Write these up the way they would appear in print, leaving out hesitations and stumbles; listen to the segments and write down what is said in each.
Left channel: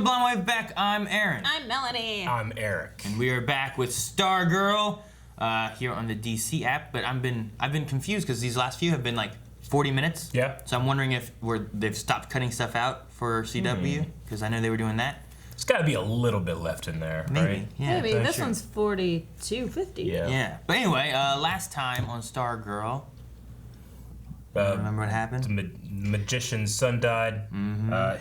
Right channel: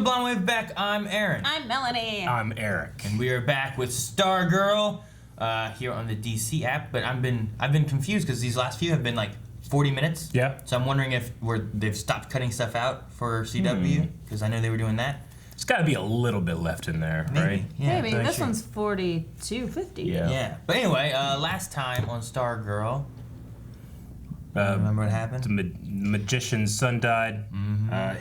to Blonde Back. I'm Aaron. I'm Melanie. I'm Eric. And we are back with Stargirl here on the DC app. But I've been confused because these last few have been like 40 minutes. Yeah. So I'm wondering if they've stopped cutting stuff out for CW because I know they were doing that. There's got to be a little bit left in there, Maybe. right? Yeah. Maybe. This one's 42.50. Yeah. Yeah. But anyway, last time on Stargirl, remember what happened? The magician's son died.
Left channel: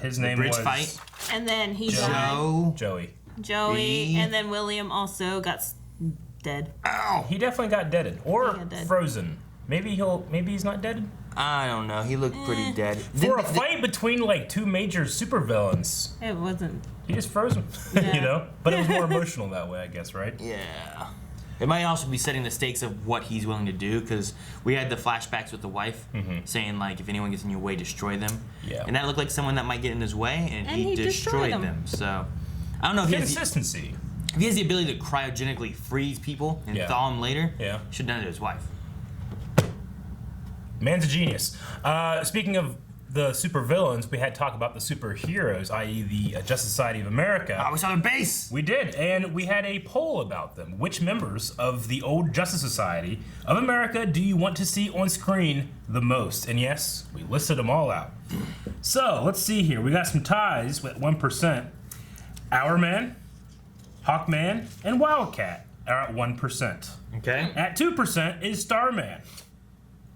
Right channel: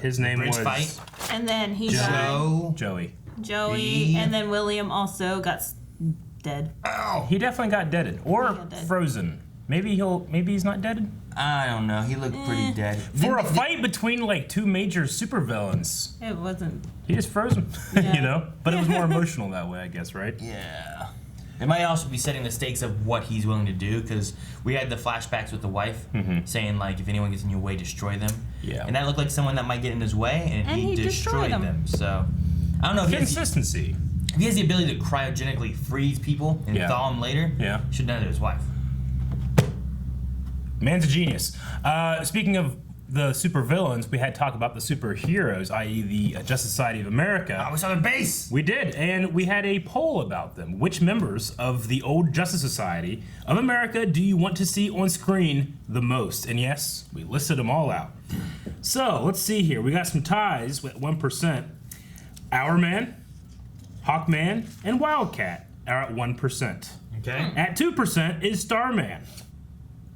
His name bridge was fight. And then he died. Joey. Joey. And then William also got dead. Ow! He definitely got deaded or He got dead. frozen. Maybe he's not deaded. I don't know. He looked pretty dead. For a fight between like two major supervillains, It wasn't. he just froze him. Yeah. You know, but it was more emotional that way, I guess, right? Yeah. It might also be setting the stakes of what he's willing to do, because we had the flashbacks with the wife saying, like, if anyone gets in your way, destroy them. Yeah. And that looked like someone that might get in his way, and he destroyed them. So, I don't know if Consistency. if he has the ability to cryogenically freeze people and thaw them later, Yeah. he should have done it to his wife. Man's a genius. Speaking of the supervillains, we had talk about the superheroes, i.e. the Justice Society of America. I was on the base! We did, and we had a poll about them. Which members of the old Justice Society of America do you want to see on screen the most? And yes, we listed them all out. So, let's see here. We got some ties with 1%. Hourman, Hawkman, and Wildcat are at 1%. Okay. At 2% is Starman.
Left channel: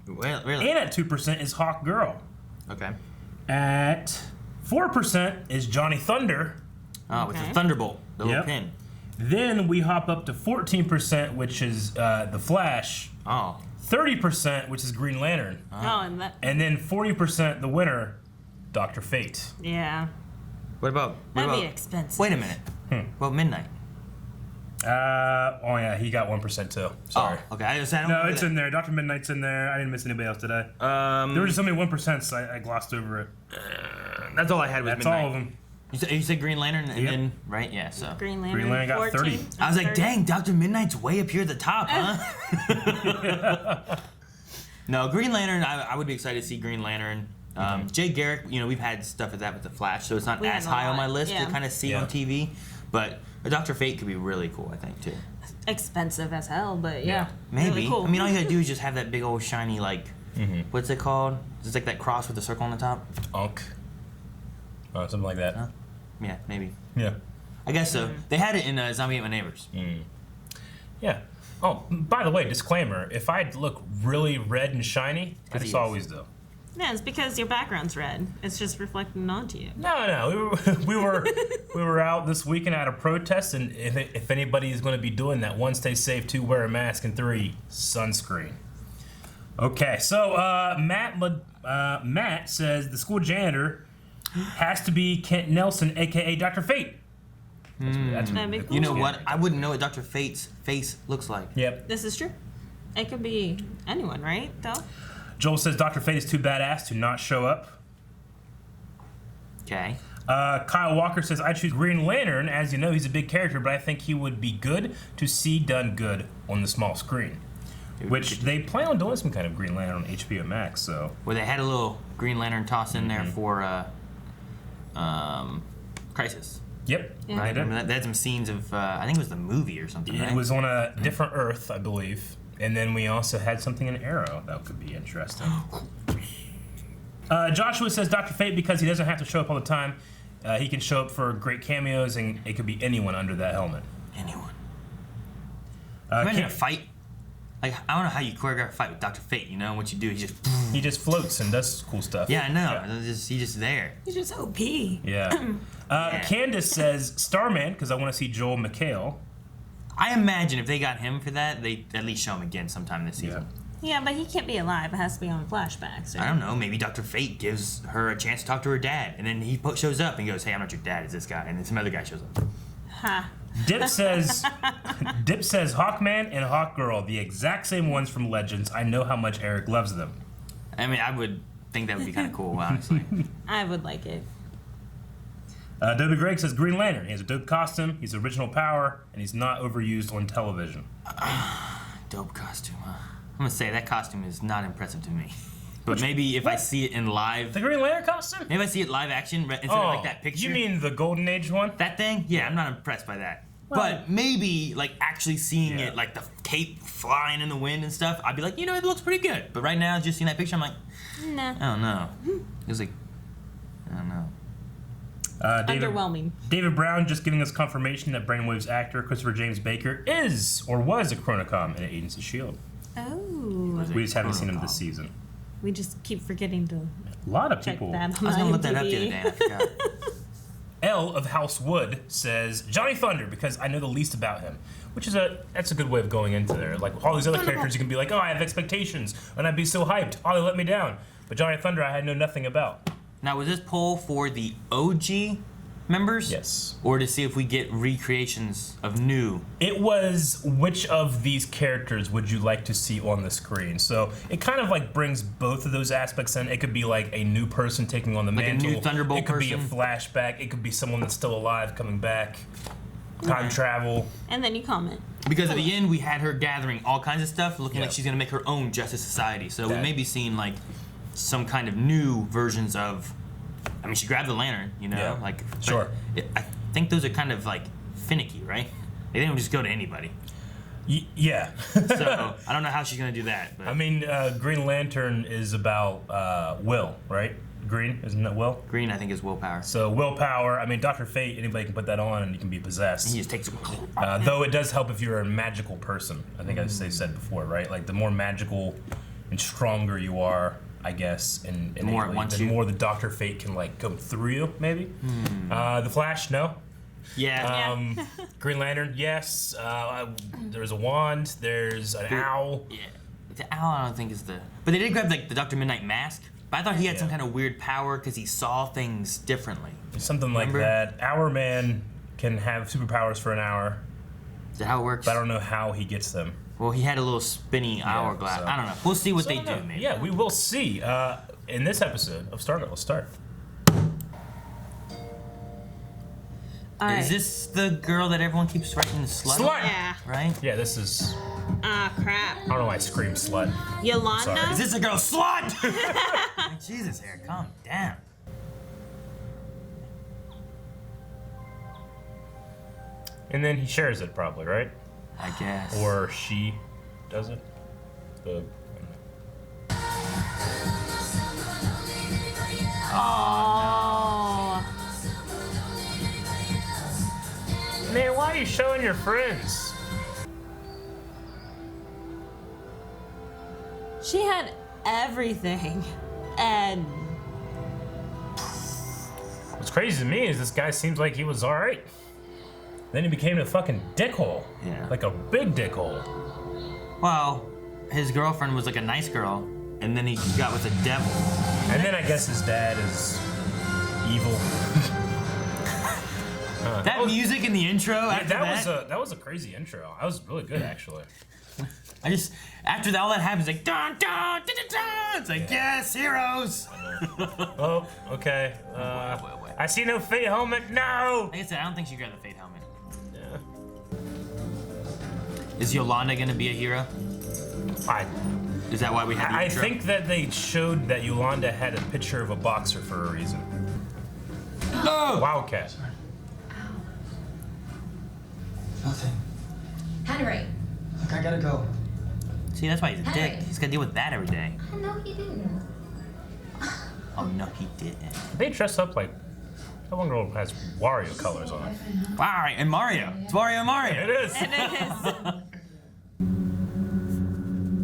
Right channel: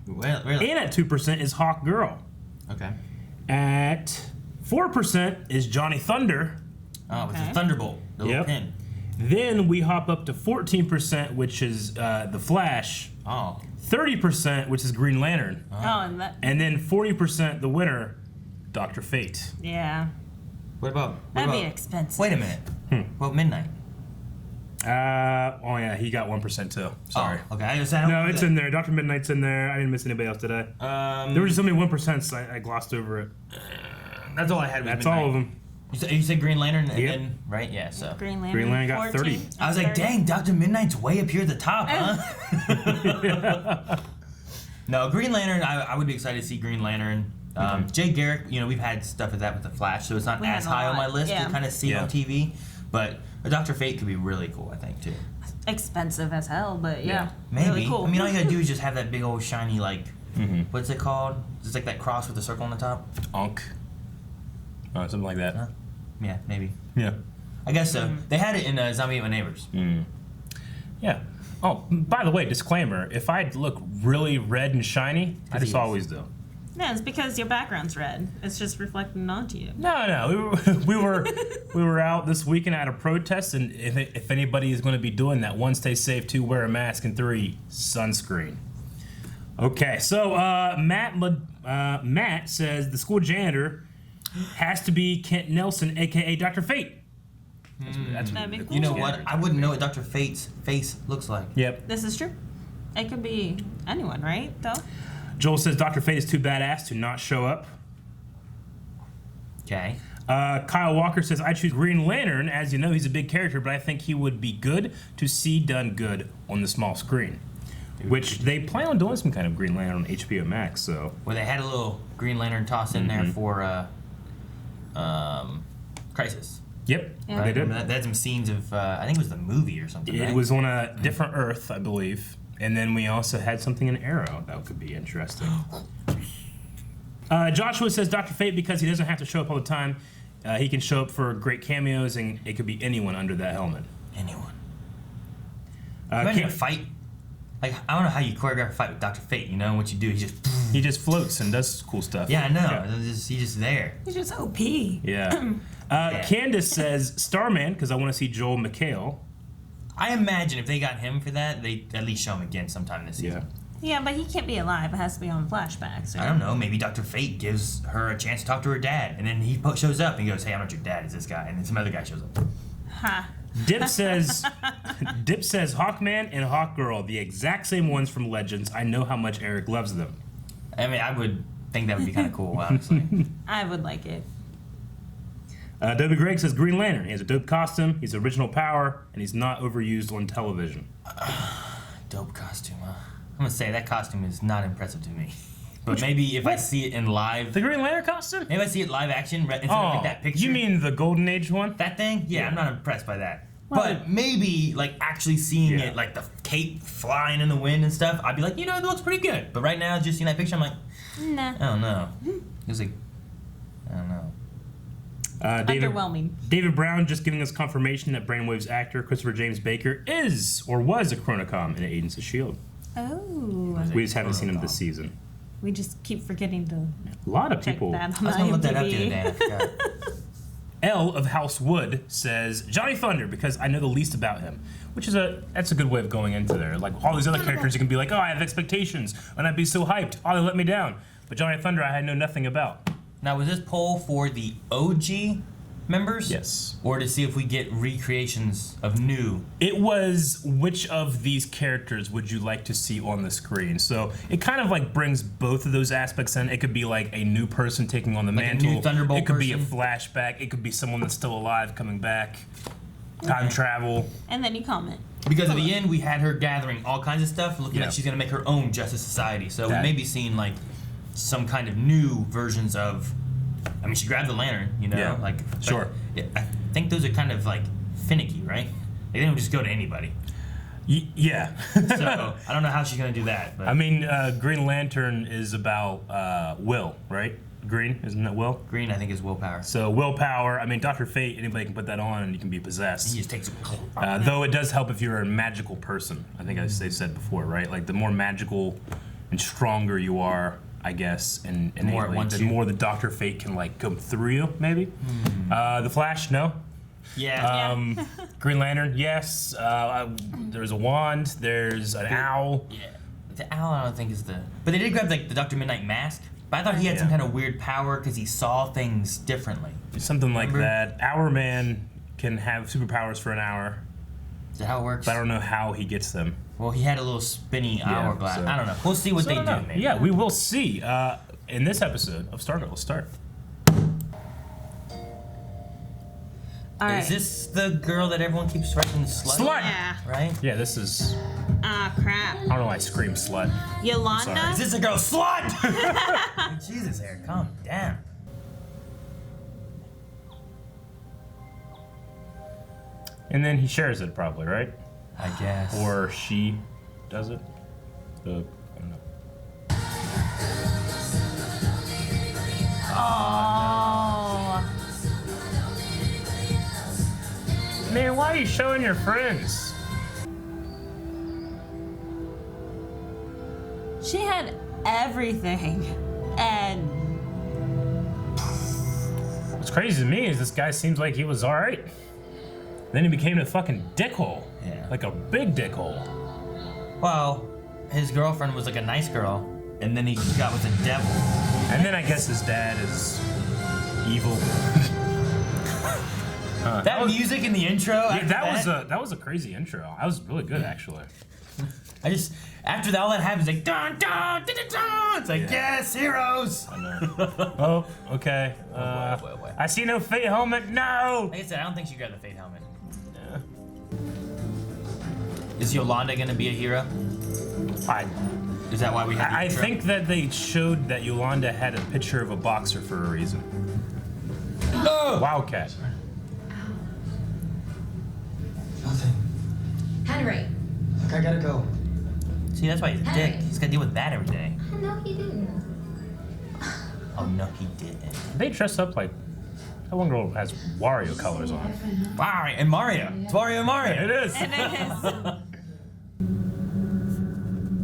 Well, really? And at 2% is Hawkgirl. Okay. At 4% is Johnny Thunder. Oh, with the Thunderbolt, the little pin. Then we hop up to 14%, which is The Flash. Oh. 30%, which is Green Lantern. Oh, and that. And then 40%, the winner, Dr. Fate. Yeah. What about... That'd be expensive. Wait a minute. Well, Midnight. Oh yeah, he got 1% too. Sorry. Oh, okay. I don't No, it's in there. Dr. Midnight's in there. I didn't miss anybody else today. There were just so many 1%, I glossed over it. That's all I had. That's all of them. You said Green Lantern, and then right? Yeah. So Green Lantern. Green Lantern got 14. 30. I was like, dang, Dr. Midnight's way up here at the top, huh? No, Green Lantern. I would be excited to see Green Lantern. Jay Garrick. You know, we've had stuff with that with the Flash, so it's not as high on my list to kind of see on TV. But Dr. Fate could be really cool, I think, too. Expensive as hell, but yeah. Maybe. Really cool. I mean, all you gotta do is just have that big old shiny, like, what's it called? It's like that cross with the circle on the top. Unk. Oh, something like that. Yeah, maybe. Yeah. I guess so. They had it in Zombie Ate My Neighbors. Yeah. Oh, by the way, disclaimer: if I look really red and shiny, I just always do. Yeah, it's because your background's red. It's just reflecting onto you. No, we were out this weekend at a protest, and if anybody is going to be doing that, 1, stay safe, 2, wear a mask, and 3, sunscreen. Okay, so Matt says the school janitor has to be Kent Nelson, aka Dr. Fate. That'd be cool. You know what? I wouldn't know what Dr. Fate's face looks like. Yep. This is true. It could be anyone, right? Though. Joel says Dr. Fate is too badass to not show up. Okay. Kyle Walker says, I choose Green Lantern. As you know, he's a big character, but I think he would be good to see done good on the small screen. Which they plan on doing some kind of Green Lantern on HBO Max, so. Well, they had a little Green Lantern toss in there for Crisis. Yep. Yeah. They did. They had some scenes of, I think it was the movie or something, right? It was on a different Earth, I believe. And then we also had something in Arrow that could be interesting. Joshua says Dr. Fate because he doesn't have to show up all the time. He can show up for great cameos, and it could be anyone under that helmet. Anyone. Imagine a fight. Like, I don't know how you choreograph a fight with Dr. Fate, you know? What you do, He just floats and does cool stuff. Yeah, I know. He's just there. He's just OP. Yeah. Candace says Starman because I want to see Joel McHale. I imagine if they got him for that, they at least show him again sometime this season. Yeah, but he can't be alive. It has to be on flashbacks. Right? I don't know. Maybe Dr. Fate gives her a chance to talk to her dad, and then he shows up and goes, "Hey, I'm not your dad. It's this guy." And then some other guy shows up. Ha. Dip says Hawkman and Hawkgirl, the exact same ones from Legends. I know how much Eric loves them. I mean, I would think that would be kind of cool, honestly. I would like it. W. Greg says Green Lantern. He has a dope costume, he's original power, and he's not overused on television. Dope costume, huh? I'm gonna say that costume is not impressive to me. But maybe if I see it in live... The Green Lantern costume? Maybe I see it live action instead of like that picture. You mean the Golden Age one? That thing? Yeah, I'm not impressed by that. But maybe, like, actually seeing it, like, the cape flying in the wind and stuff, I'd be like, you know, it looks pretty good. But right now, just seeing that picture, I'm like, nah. I don't know. It was like, I don't know. Underwhelming. David Brown just giving us confirmation that Brainwave's actor, Christopher James Baker, is or was a Chronocom in Agents of S.H.I.E.L.D. Oh. We just haven't seen him this season. We just keep forgetting to A lot of people. check that on I was going to look that up the IMDb. other day and I forgot. L of House Wood says Johnny Thunder because I know the least about him, which is that's a good way of going into there. Like all these other characters, you can be like, oh, I have expectations, and I'd be so hyped. Oh, they let me down. But Johnny Thunder, I had know nothing about. Now, was this poll for the OG members? Yes. Or to see if we get recreations of new? It was which of these characters would you like to see on the screen? So it kind of like brings both of those aspects in. It could be like a new person taking on the mantle. A new Thunderbolt It could be a person? flashback. It could be someone that's still alive coming back. Time travel. And then you comment. Because at the end, we had her gathering all kinds of stuff, looking Yeah. like she's going to make her own Justice Society. So That- we may be seeing, like, some kind of new versions of... I mean, she grabbed the lantern, you know? Yeah. Like, Sure. I think those are kind of, like, finicky, right? They didn't just go to anybody. Yeah. So I don't know how she's going to do that. But I mean, Green Lantern is about will, right? Green, isn't it will? Green, I think, is willpower. So willpower, I mean, Dr. Fate, anybody can put that on and you can be possessed. He just takes... Though it does help if you're a magical person. I think as they said before, right? Like the more magical and stronger you are, I guess, and The more it wants the you. more the Dr. Fate can like come through you, maybe. The Flash, no. Yeah. Green Lantern, yes. There's a wand. There's an owl. Yeah. The owl, I don't think is the... But they did grab, like, the Dr. Midnight mask. But I thought he had some kind of weird power because he saw things differently. Something like that. Hour Man can have superpowers for an hour. Is that how it works? But I don't know how he gets them. Well, he had a little spinny hourglass. so- I don't know. We'll see what So they I do, don't know. maybe. Yeah, we will see. In this episode of Stargirl, let's start. All right. Is this the girl that everyone keeps writing the slut? Slut! Yeah. Right? Yeah, this is... Ah, crap. I don't know why I scream slut. Yolanda? Sorry. Is this a girl slut? Jesus, Eric, calm down. And then he shares it probably, right? I guess. Or she does it. I don't know. Oh. Man, why are you showing your friends? She had everything. And What's crazy to me is this guy seems like he was alright. Then he became a fucking dickhole. Yeah. Like a big dickhole. Well, his girlfriend was like a nice girl, and then he got with the devil. And then I guess his dad is evil. That music in the intro. Yeah, after that was a crazy intro. That was really good actually. I just after that all that happens like dun dun dun dun dun. It's like yes, heroes. I know. Oh, okay. Wait. I see no fate helmet. No. Like I said, I don't think she grabbed the fate helmet. Yeah. Is Yolanda gonna be a hero? Is that why we had the I intro? think that they showed that Yolanda had a picture of a boxer for a reason. No! Wildcat. Nothing. Henry. Look, I gotta go. See, that's why he's a dick. Hey. He's gotta deal with that every day. No, he didn't. Oh no, he didn't. They dress up like that one girl has Wario colors on. Wario and Mario. It's Wario and Mario. It is. it is.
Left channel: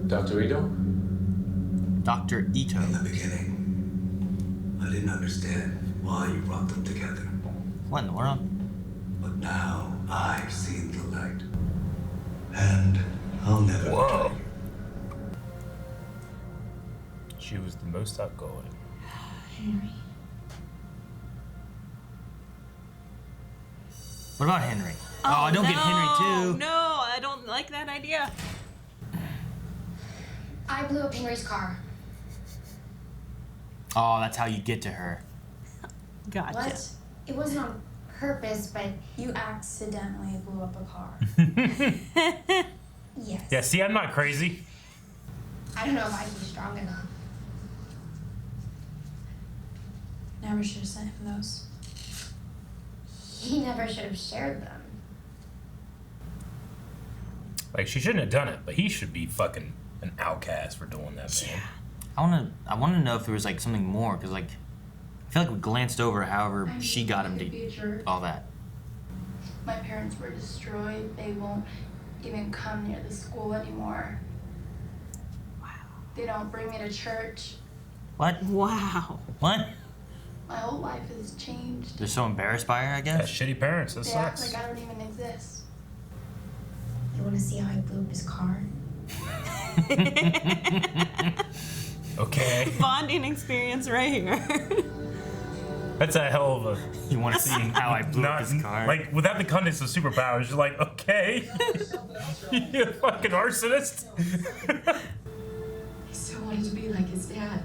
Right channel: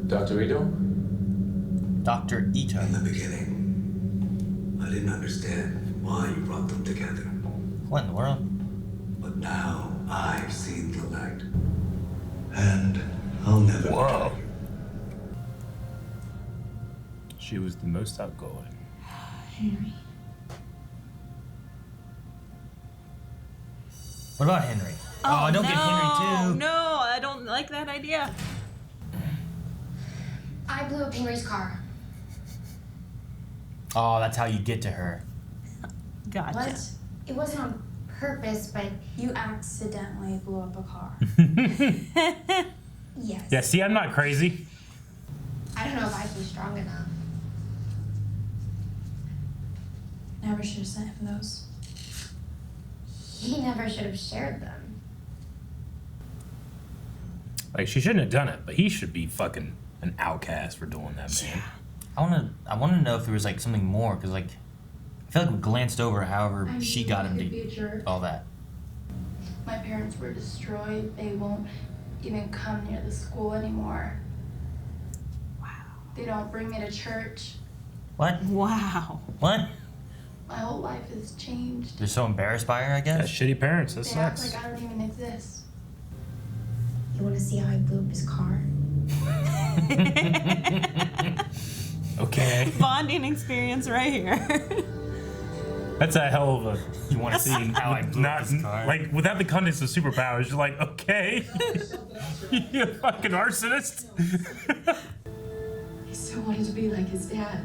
Dr. Ito? Dr. Ito. In the beginning, I didn't understand why you brought them together. What in the world? But now I've seen the light. And I'll never Whoa. tell you. She was the most outgoing. Henry. What about Henry? Oh, don't get Henry too. No, I don't like that idea. I blew up Henry's car. Oh, that's how you get to her. Gotcha. What? It wasn't on purpose, but You accidentally blew up a car. yes. Yeah, see, I'm not crazy. I don't know if I'd be strong enough. Never should have sent him those. He never should have shared them. Like, she shouldn't have done it, but he should be fucking an outcast for doing that, man. I want to know if there was like something more, because like I feel like we glanced over however she got him to all that. My parents were destroyed. They won't even come near the school anymore. Wow. They don't bring me to church. What? Wow. What? My whole life has changed. They're so embarrassed by her, I guess. That's shitty parents. That They act sucks. like I don't even exist. You want to see how he blew up his car? Okay. Bonding experience right here. That's a hell of a. You want to see how I blew up his car? Like, without the context of superpowers, you're like, okay. You fucking arsonist. He still wanted to be like his dad.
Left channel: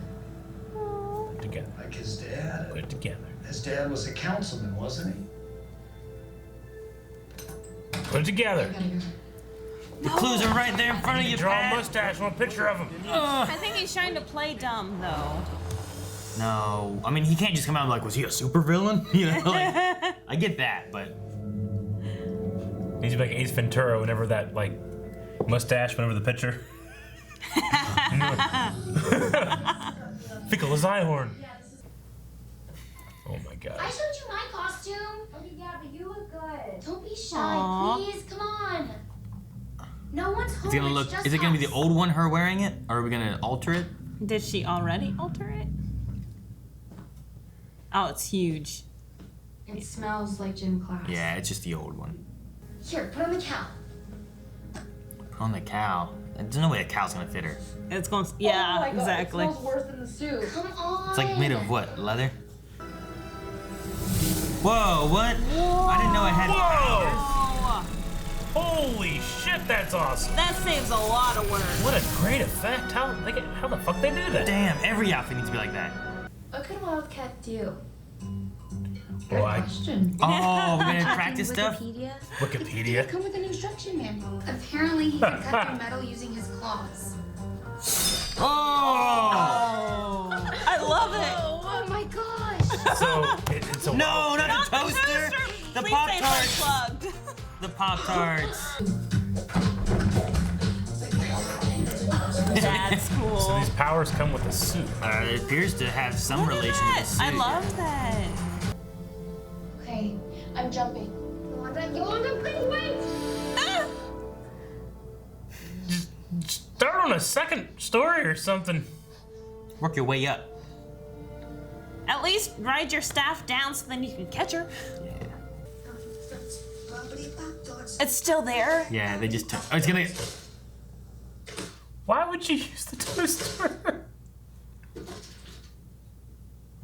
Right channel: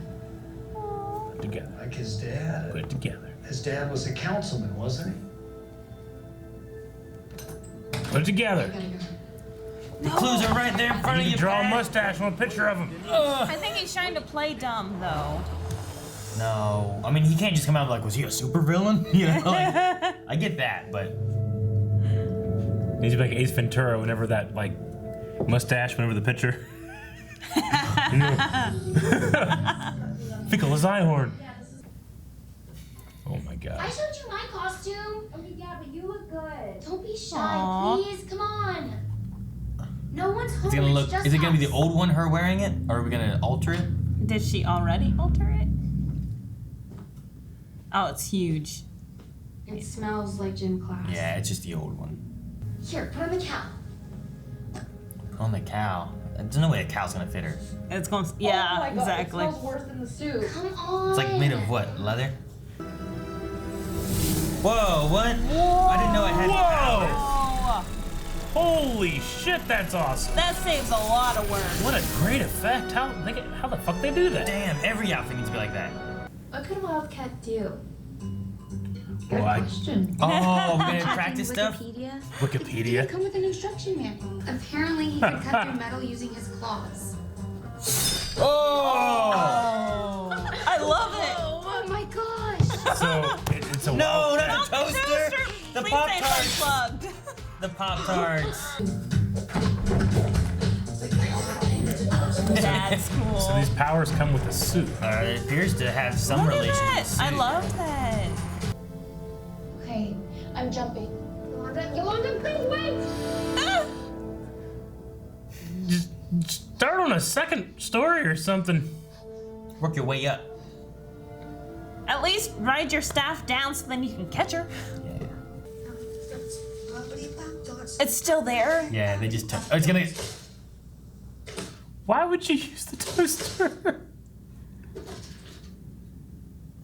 Together. Like his dad. Put it together. His dad was a councilman, wasn't he? Put it together. I gotta go. The clues are right there in front of you, Draw a Pat. mustache on a picture of him. I think he's trying to play dumb, though. No, I mean he can't just come out like, was he a supervillain? You know, like, I get that, but He's like Ace Ventura whenever that like mustache, whenever the picture. Fickle as Einhorn. Oh my god. I showed you my costume. Okay, yeah, but you look good. Don't be shy, Aw. please. Come on. No one's home. it's gonna look. It's just Is it gonna be us. the old one, her wearing it, or are we gonna alter it? Did she already alter it? Oh, it's huge. It smells like gym class. Yeah, it's just the old one. Here, put on the cow. On the cow. There's no way a cow's gonna fit her. It's going. Yeah, Oh my God, exactly. It smells worse than the soup. Come on. It's like made of what? Leather? Whoa! What? I didn't know it had powers. Oh, Holy shit, that's awesome. that saves a lot of work. What a great effect. How the fuck they do that? Damn! Every outfit needs to be like that. What could Wildcat do? Well, I- Question. Oh, we're gonna practice stuff. Wikipedia. Wikipedia. Come with an instruction manual. Apparently, he can cut through metal using his claws. Oh! I love it. Oh my gosh! So it's a No, Wildcat. not a toaster. The Please Pop say Tarts. unplugged. The Pop Tarts. That's cool. So these powers come with a suit. It appears to have some Look at relation that. to suit. I love that. Okay, I'm jumping. Yolanda, please wait! Ah! Just start on a second story or something. Work your way up. At least ride your staff down so then you can catch her. It's still there. Yeah, they just took. Oh, it's gonna. Why would you use the toaster? What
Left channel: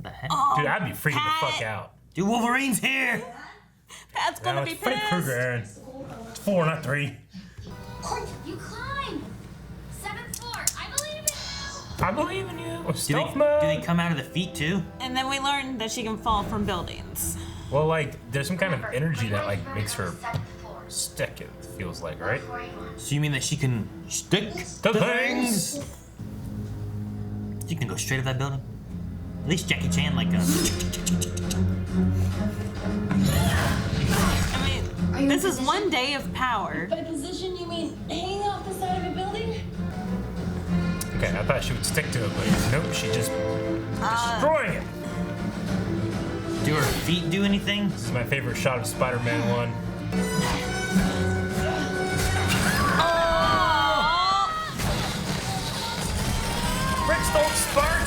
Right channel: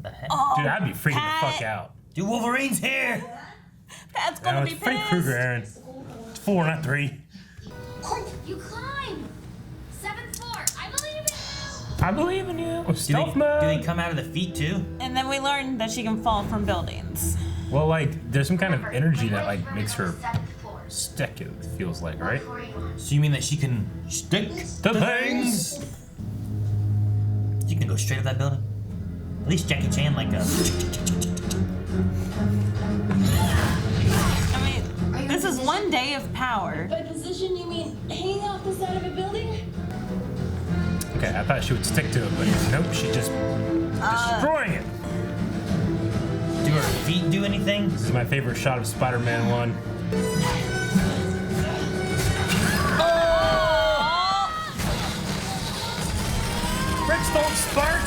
the heck? Oh, Dude, I'd be freaking the Pat. fuck out. Dude, Wolverine's here. Pat's gonna No, be it's Freddy pissed. Krueger, Aaron. It's 4, not 3. Court, you climb! 7th floor, I believe in you! I believe in you. Do Stealth they mode. come out of the feet too? And then we learned that she can fall from buildings. Well, like, there's some kind of Remember, energy my that like boyfriend makes her on the 7th floor. stick. It feels like, right? Before you launch. So you mean that she can stick The to things. She can go straight up that building. At least Jackie Chan like does. I mean, Are you this in is position? one day of power. By position, you mean hanging off the side of a building? Okay, I thought she would stick to it, but nope, she just destroying it. Do her feet do anything? This is my favorite shot of Spider-Man 1. Bricks don't spark.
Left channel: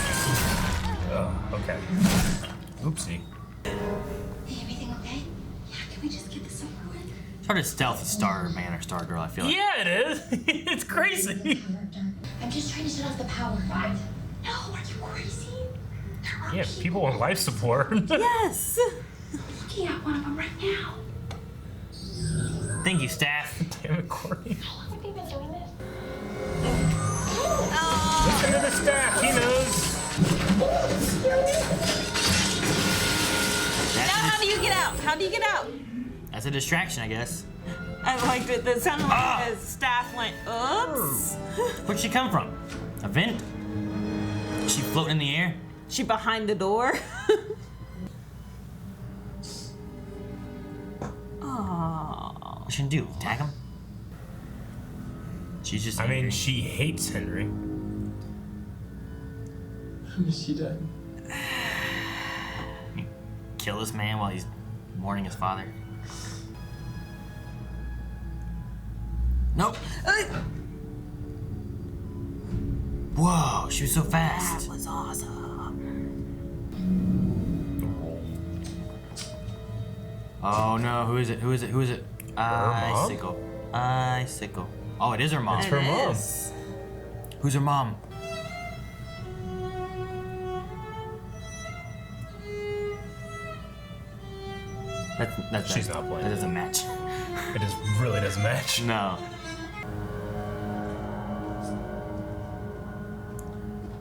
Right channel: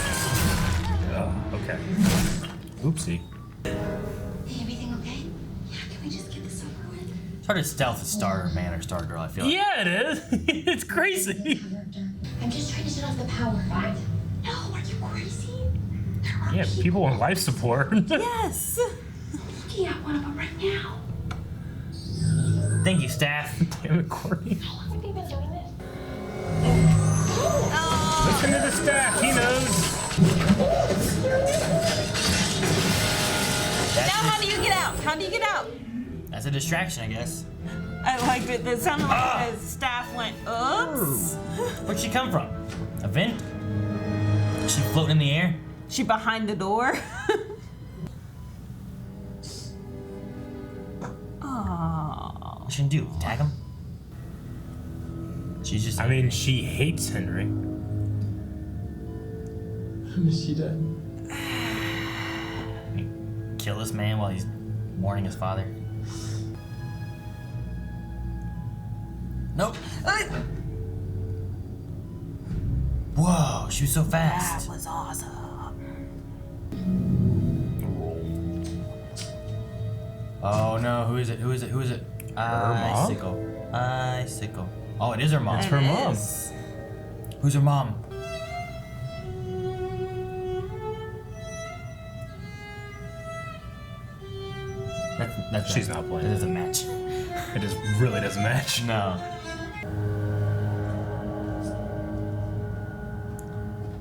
Okay. Oopsie. Hey, everything okay? Yeah, can we just get this over with? It's hard to stealth a Starman or Stargirl, I feel like. Yeah, it is. It's crazy. I'm just trying to shut off the power. What? No, are you crazy? There are Yeah, people on life support. Yes. I'm looking at one of them right now. Thank you, staff. Damn it, Courtney. How long have they been doing this? Listen to the staff. He knows. Now how do you get out? How do you get out? That's a distraction, I guess. I liked it. That sounded like the staff went, oops. Where'd she come from? A vent? Is she floating in the air? She behind the door. you shouldn't do? Tag him? She's just. I mean, she hates Henry. I miss you, Dad. Kill this man while he's mourning his father. Nope. Whoa, she was so fast. That was awesome. Oh no, who is it? Who is it? Who is it? Icicle. Icicle. Oh, it is her mom. It's her mom. Who's her mom? She's not playing. That doesn't match. It just really doesn't match. No.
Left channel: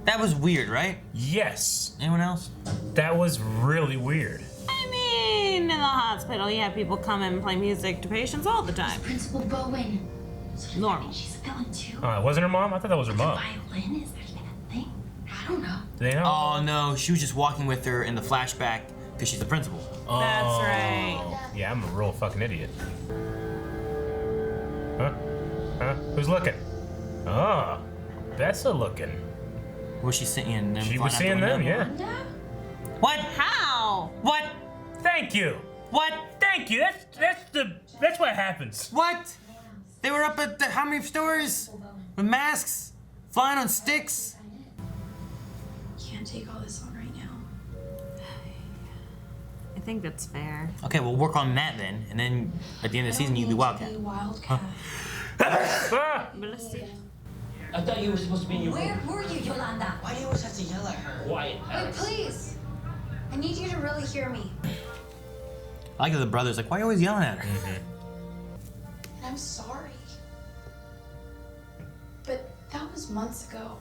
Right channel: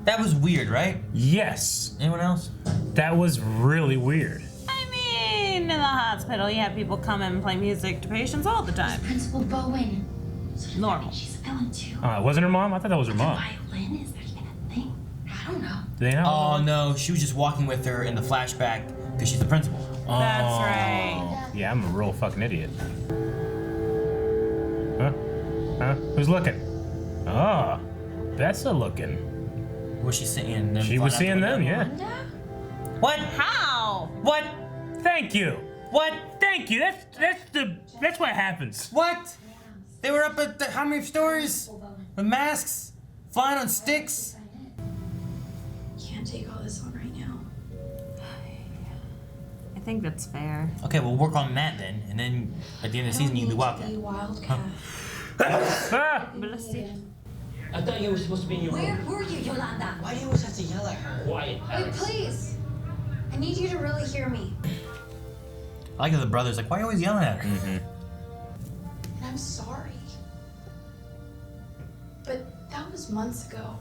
That was weird, right? Yes. Anyone else? That was really weird. I mean, in the hospital, you have people come in and play music to patients all the time. Principal Bowen. So Normal. She's a villain too. It wasn't her mom? I thought that was her The mom. violin? Is that even a thing? I don't know. Do they know? Oh no, she was just walking with her in the flashback because she's the principal. That's right. Yeah, I'm a real fucking idiot. Huh? Huh? Who's looking? Ah, Bessa looking. Was she seeing them? She was seeing them, yeah. What? How? What? Thank you. What? Thank you. That's what happens. What? They were up at how many stories? With masks, flying on sticks. Can't take all this on right now. I think that's fair. Okay, we'll work on that then, and then at the end of the season you can be Wildcat. Wildcat. Ah! I thought you were supposed to be in your Where room. were you, Yolanda? Why do you always have to yell at her? Quiet, Wait, Alice. please. I need you to really hear me. I like how the brother's like, why are you always yelling at her? And I'm sorry. But that was months ago.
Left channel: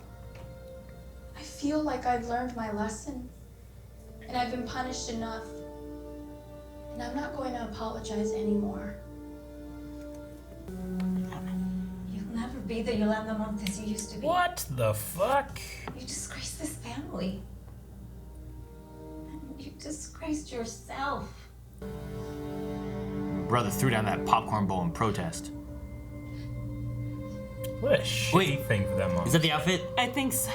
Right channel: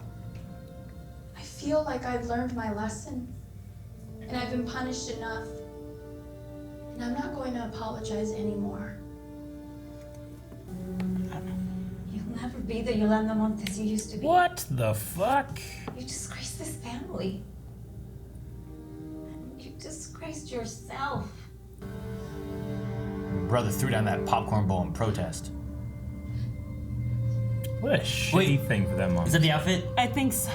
I feel like I've learned my lesson. And I've been punished enough. And I'm not going to apologize anymore. You'll never be the Yolanda Montes you used to be. What the fuck? You disgraced this family. And you disgraced yourself. Brother threw down that popcorn bowl in protest. What a shitty thing for that mom. Is that the outfit? I think so.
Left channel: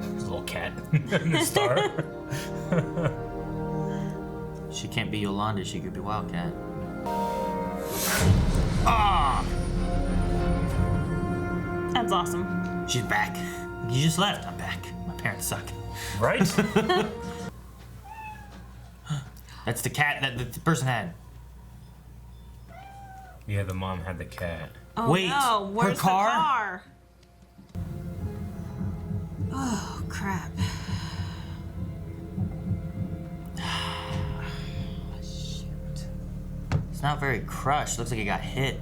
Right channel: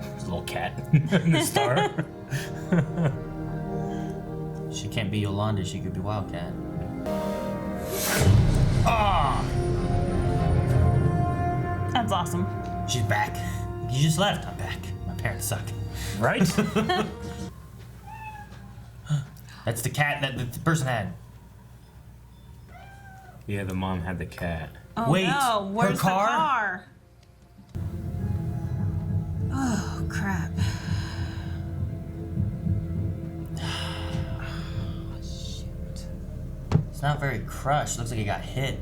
There's a little cat in the star. She can't be Yolanda, she could be Wildcat. Ah! That's awesome. She's back. You just left. I'm back. My parents suck. Right? That's the cat that the person had. Yeah, the mom had the cat. Oh Wait, no, her where's car? the car? Oh crap. Shoot. It's not very crushed. Looks like it got hit.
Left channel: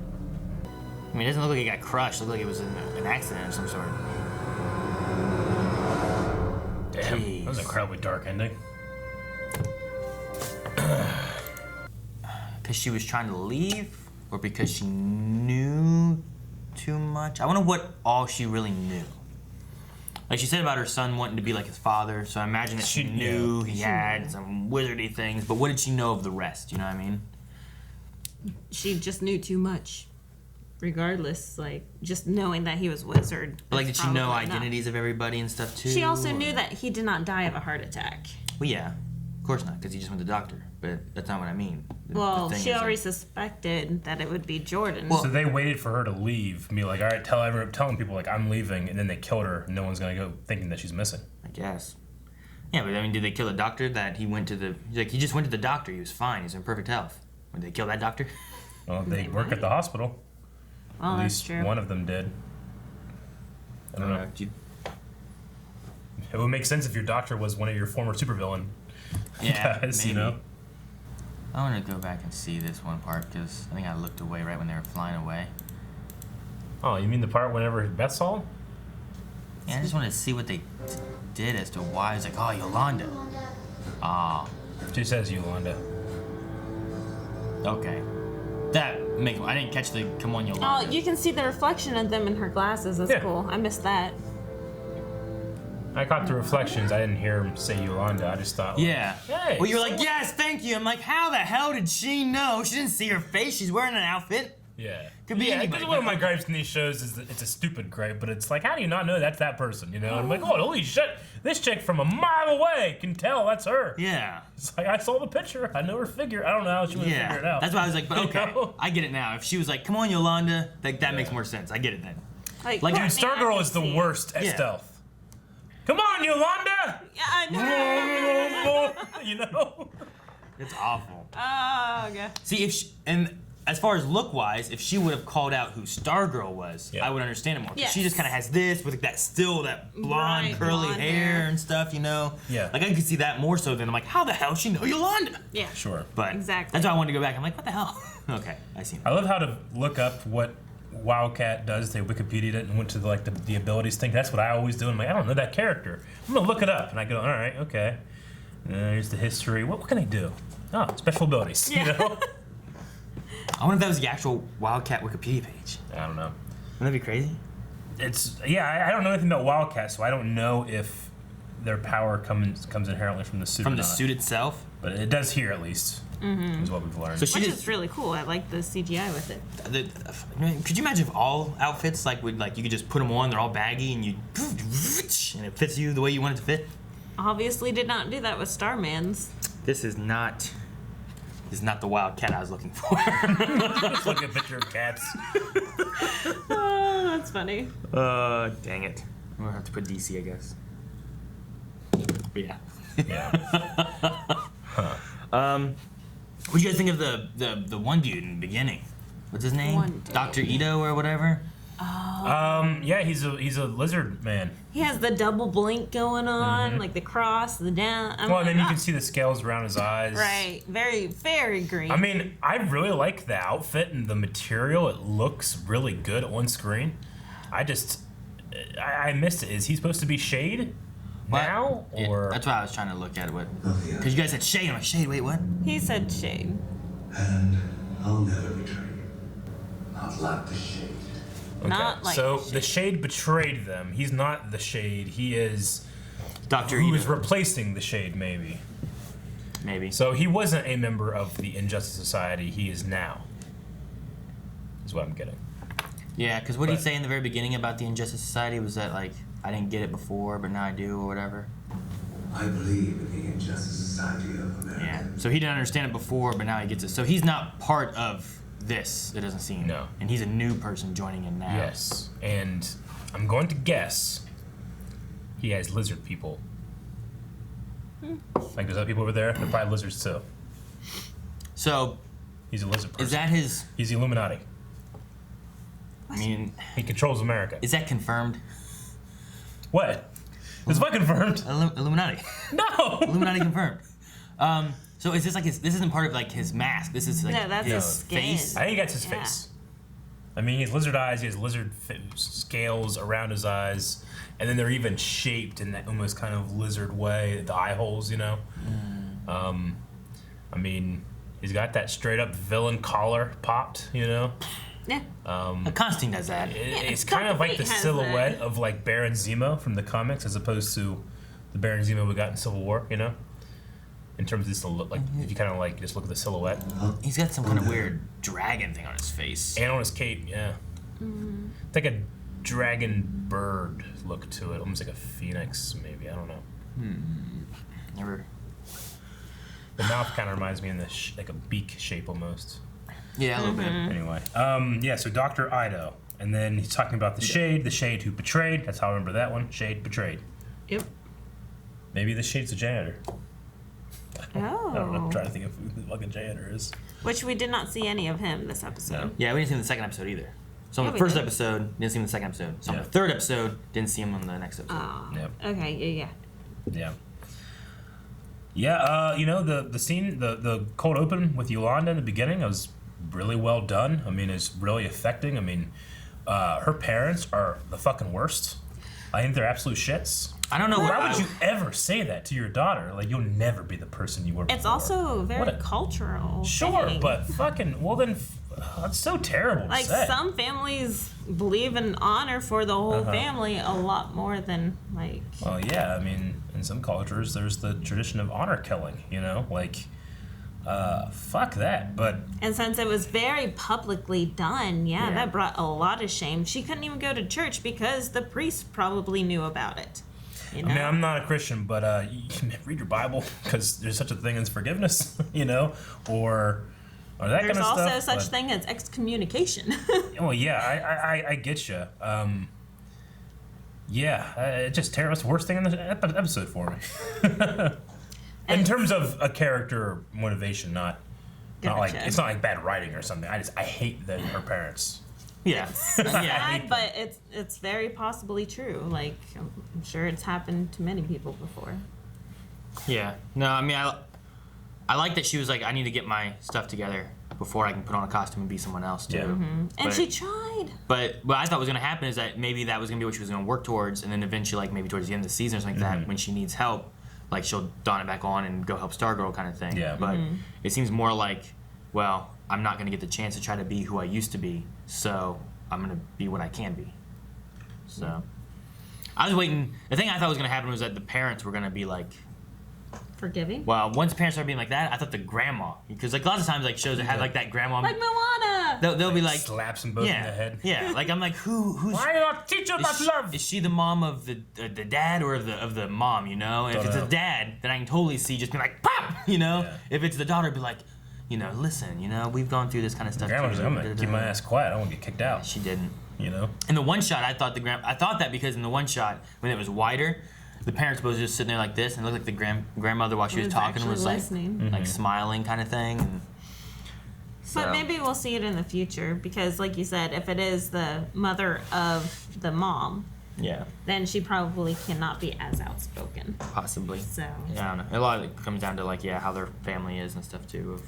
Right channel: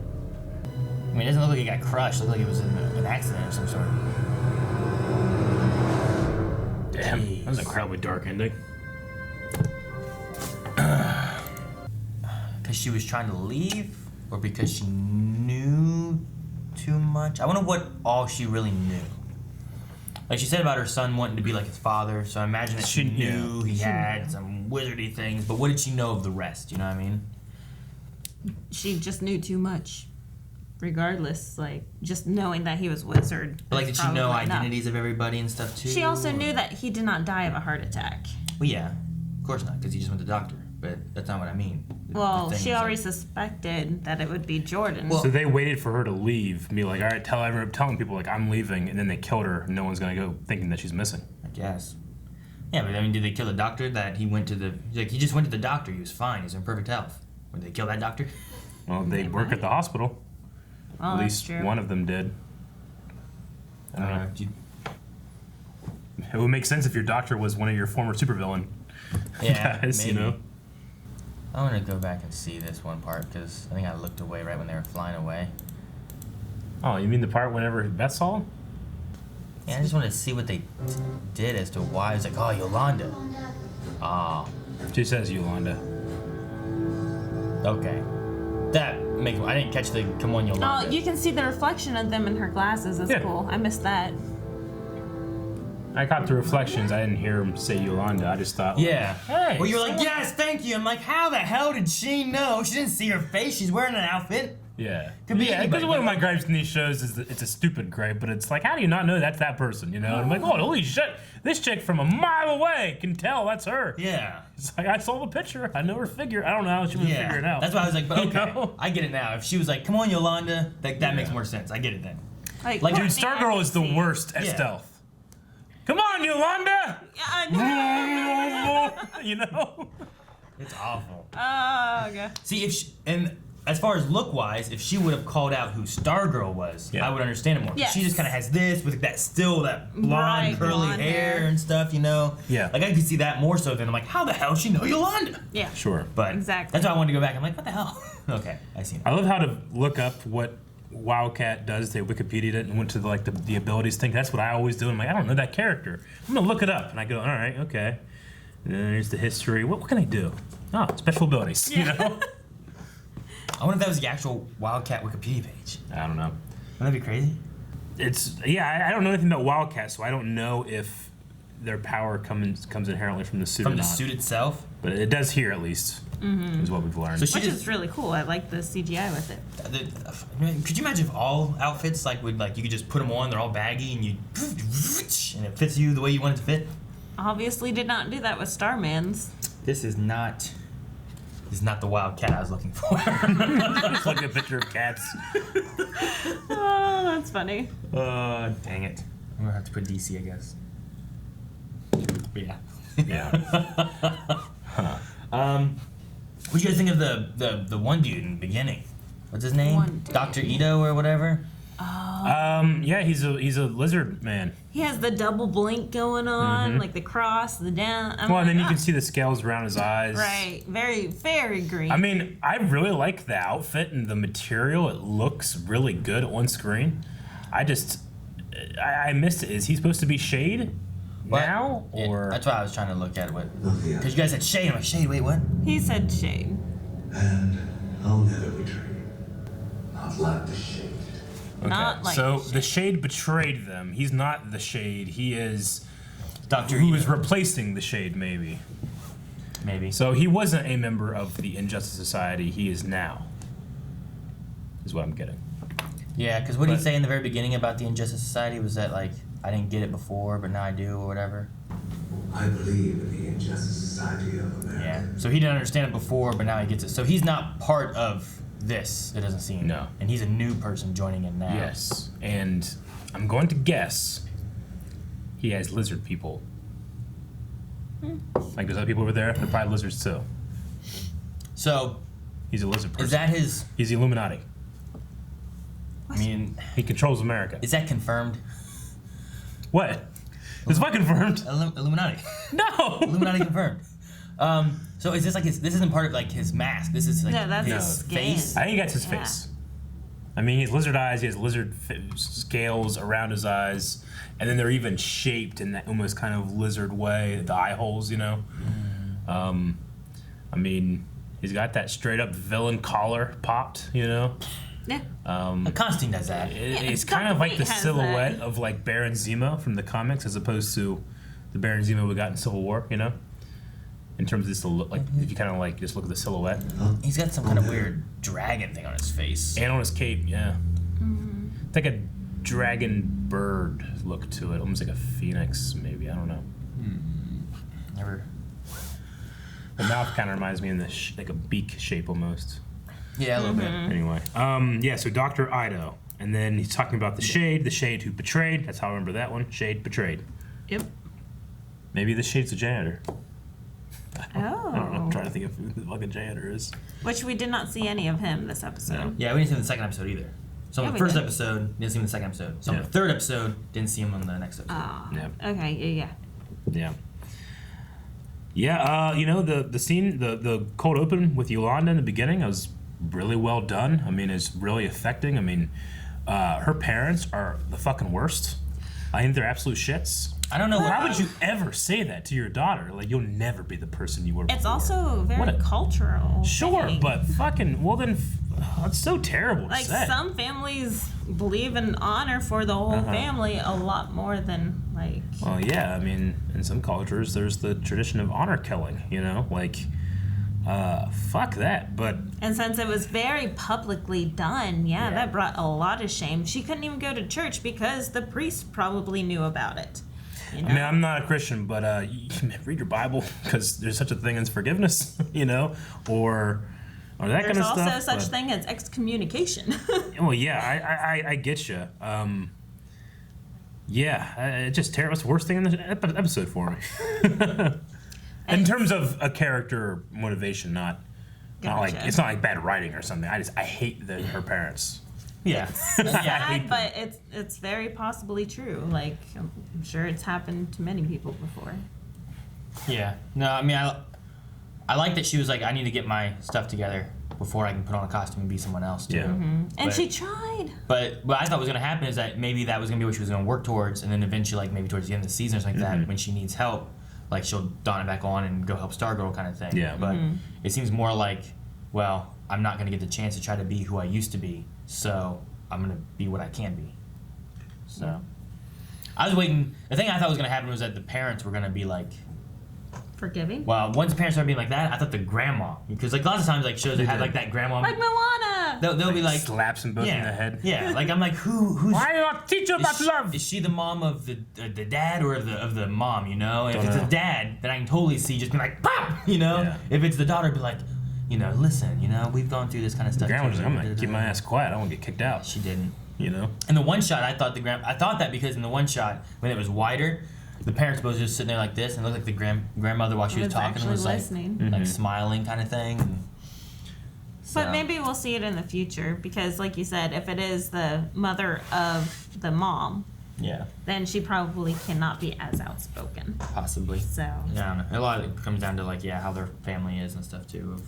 I mean, it doesn't look like it got crushed. It looks like it was an accident of some sort. Damn, Jeez. that was an incredibly dark ending. Because she was trying to leave? Or because she knew too much? I wonder what all she really knew. Like she said about her son wanting to be like his father, so I imagine that she knew he had some wizardy things, but what did she know of the rest? You know what I mean? She just knew too much. Regardless, like just knowing that he was wizard. But like, is did she know probably enough. identities of everybody and stuff too? She also or- knew that he did not die of a heart attack. Well, yeah, of course not, because he just went to the doctor. But that's not what I mean. Well, The thing she is, already suspected that it would be Jordan. So they waited for her to leave, be like, all right, telling people like I'm leaving, and then they killed her. And no one's gonna go thinking that she's missing. I guess. Yeah, but I mean, did they kill the doctor that he went to the? Like, he just went to the doctor. He was fine. He was in perfect health. Did they kill that doctor? Well, they work at the hospital. Oh, At that's least true. one of them did. I don't know. You- It would make sense if your doctor was one of your former supervillain Yeah, guys, maybe. you know? I want to go back and see this one part because I think I looked away right when they were flying away. Oh, you mean the part whenever Beth saw him? Yeah, I just wanted to see what they did as to why. It's like, oh, Yolanda. Ah, She says Yolanda. okay. That makes. I didn't catch the come on, Yolanda. Oh, you can see the reflection of them in her glasses. That's Yeah. cool. I missed that. I got the reflections. I didn't hear him say Yolanda. I just thought, Yeah. Hey. Well, you're like, yes, thank you. I'm like, how the hell did she know? She didn't see her face. She's wearing an outfit. Yeah. Could be Yeah, anybody, because one of you my know? gripes in these shows is that it's a stupid gripe, but it's like, how do you not know that's that person, you know? And I'm like, oh, holy shit, this chick from a mile away can tell that's her. Yeah. It's like, I saw the picture. I know her figure. I don't know how she would figure it out. That's why I was like, but You okay, know? I get it now. If she was like, come on, Yolanda, like that makes more sense. I get it then. Like, dude, Stargirl is the worst at stealth. Come on, Yolanda! I know. You know? It's awful. Oh, okay. See, and as far as look-wise, if she would have called out who Stargirl was, I would understand it more. Yes. She just kind of has this with that blonde, Right, curly blonde hair hair. and stuff, you know? Yeah. Like, I could see that more so than I'm like, how the hell does she know Yolanda? Yeah. Sure. But Exactly. that's why I wanted to go back. I'm like, what the hell? Okay, I see now. I love how to look up what Wildcat does. They Wikipedia'd it and went to the abilities thing. That's what I always do. I'm like, I don't know that character. I'm gonna look it up, and I go, all right, okay. And there's the history. What can I do? Oh, special abilities. You know. I wonder if that was the actual Wildcat Wikipedia page. I don't know. Wouldn't that be crazy? It's I don't know anything about Wildcat, so I don't know if their power comes inherently from the suit. From or the not. suit itself? But it does here at least. Is what we've learned. So she Which just, is really cool. I like the CGI with it. could you imagine if all outfits you could just put them on, they're all baggy, and and it fits you the way you want it to fit? Obviously did not do that with Starman's. This is not the Wildcat I was looking for. It's like a picture of cats. Oh, that's funny. Dang it. I'm gonna have to put DC, I guess. But yeah. Yeah. What do you guys think of the one dude in the beginning? What's his name? One dude. Dr. Ito or whatever? Yeah, he's a lizard man. He has the double blink going on, like the cross, the down. Well, and then you can see the scales around his eyes. Right. Very, very green. I mean, I really like the outfit and the material. It looks really good on screen. I missed it. Is he supposed to be Shade now? Yeah, Or that's why I was trying to look at what. Nothing Because you guys said Shade. I'm like, Shade, wait, what? He said Shade. And I'll never betray you. Not like the shade. okay. Not like so Shade. the Shade betrayed them. He's not the Shade. He is Dr. who Ito. is replacing the Shade, maybe. Maybe. So he wasn't a member of the Injustice Society. He is now. Is what I'm getting. Yeah, because what did he But- say in the very beginning about the Injustice Society? Was that like, I didn't get it before, but now I do, or whatever? I believe in the Injustice Society of America. Yeah. So he didn't understand it before, but now he gets it. So he's not part of this, it doesn't seem. No. And he's a new person joining it now. Yes, and I'm going to guess he has lizard people. Like there's other people over there. They're probably lizards too. So, He's a lizard person. is that his. He's the Illuminati. I mean, He controls America. is that confirmed? What? It's not confirmed. Illuminati. No. Illuminati confirmed. So is this like his? This isn't part of like his mask. This is like No, that's his his skin. face. I think that's his Yeah. face. I mean, he has lizard eyes. He has lizard scales around his eyes, and then they're even shaped in that almost kind of lizard way. The eye holes, you know. I mean, he's got that straight up villain collar popped, you know. Yeah. Constantine does that. It's Dr. kind of like the Fate has silhouette that. of like Baron Zemo from the comics, as opposed to the Baron Zemo we got in Civil War, you know. In terms of this, like if you kind of like just look at the silhouette He's got some kind of weird dragon thing on his face. and on his cape, yeah. It's like a dragon bird look to it, almost like a phoenix, maybe. I don't know. Never. The mouth kind of reminds me in like a beak shape almost. Yeah, a little bit. Anyway, yeah. So Dr. Ito, and then he's talking about the Shade who betrayed. That's how I remember that one. Shade betrayed. Yep. Maybe the Shade's a janitor. Oh. I don't know. I'm trying to think of who the fucking janitor is. Which we did not see any of him this episode. Yeah, we didn't see him in the second episode either. So on Yeah, the we first did. episode, didn't see him in the second episode. So on Yeah. the third episode, didn't see him on the next episode. Oh. Yep. Okay. Yeah. Yeah. Yeah, you know, the scene, the cold open with Yolanda in the beginning, it was really well done. I mean, it's really affecting. I mean, her parents are the fucking worst. I think they're absolute shits. I don't know what. Why would you ever say that to your daughter? Like, you'll never be the person you were before. It's also very What a- cultural. Sure, thing. but fucking, well then, That's so terrible to Like, say. some families believe in honor for the whole family a lot more than, like... Well, yeah, I mean, in some cultures, there's the tradition of honor killing, you know? Like, fuck that, but... And since it was very publicly done, that brought a lot of shame. She couldn't even go to church because the priest probably knew about it. You know? I mean, I'm not a Christian, but you can read your Bible, because there's such a thing as forgiveness, you know? Or that kind of stuff. There's also such thing as excommunication. Well, yeah, I get you. It's just terrible. It's the worst thing in the episode for me. In terms of a character motivation, not like it's not like bad writing or something. I hate her parents. Yeah, Sad, but it's very possibly true. Like, I'm sure it's happened to many people before. Yeah. No, I mean, I like that she was like, I need to get my stuff together before I can put on a costume and be someone else too. Yeah. And she tried. But what I thought was gonna happen is that maybe that was gonna be what she was gonna work towards, and then eventually, like maybe towards the end of the season or something like that, when she needs help, like she'll don it back on and go help Stargirl kind of thing. Yeah. But it seems more like, well, I'm not gonna get the chance to try to be who I used to be, so I'm gonna be what I can be. So I was waiting. The thing I thought was gonna happen was that the parents were gonna be like Forgiving? well, once parents started being like that, I thought the grandma, because like lots of times like shows that have like that grandma, Like Moana! they'll be like slaps them both in the head. Yeah, like I'm like who's Why not teach you about love? Is she the mom of the dad or of the mom? You know, and if it's a dad, then I can totally see just being like pop. You know, if it's the daughter, be like, you know, listen, you know, we've gone through this kind of stuff. Grandma's like, I'm gonna keep my ass quiet. I don't want to get kicked out. She didn't. You know. In the one shot, I thought that because in the one shot when it was wider, the parents was just sitting there like this, and it looked like the grandmother while she was talking was like like smiling kind of thing. But maybe we'll see it in the future because, like you said, if it is the mother of the mom, then she probably cannot be as outspoken. Possibly. So yeah, I don't know. A lot of it comes down to like how their family is and stuff too, of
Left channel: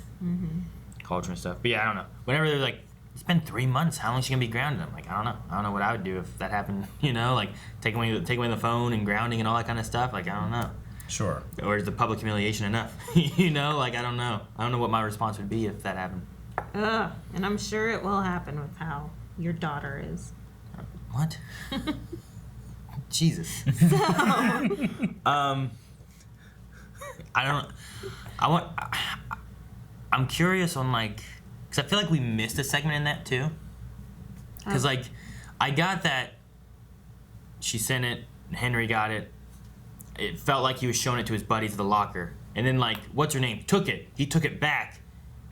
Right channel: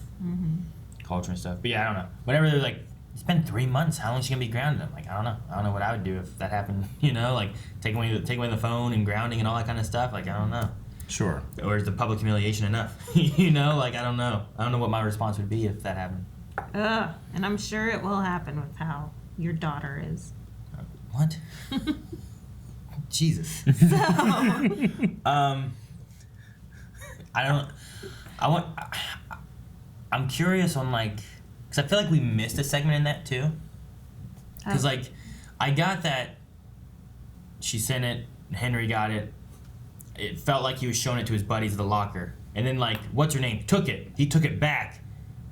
culture and stuff. But yeah, I don't know. Whenever they're like, it's been 3 months. How long is she gonna be grounded? I'm like, I don't know. I don't know what I would do if that happened. You know, like take away the phone and grounding and all that kind of stuff. Like I don't know. Sure. Or is the public humiliation enough? You know, like I don't know. I don't know what my response would be if that happened. And I'm sure it will happen with how your daughter is. What? Jesus. I'm curious on like, because I feel like we missed a segment in that too. Because like, I got that she sent it, Henry got it. It felt like he was showing it to his buddies at the locker. And then like, what's her name? Took it. He took it back.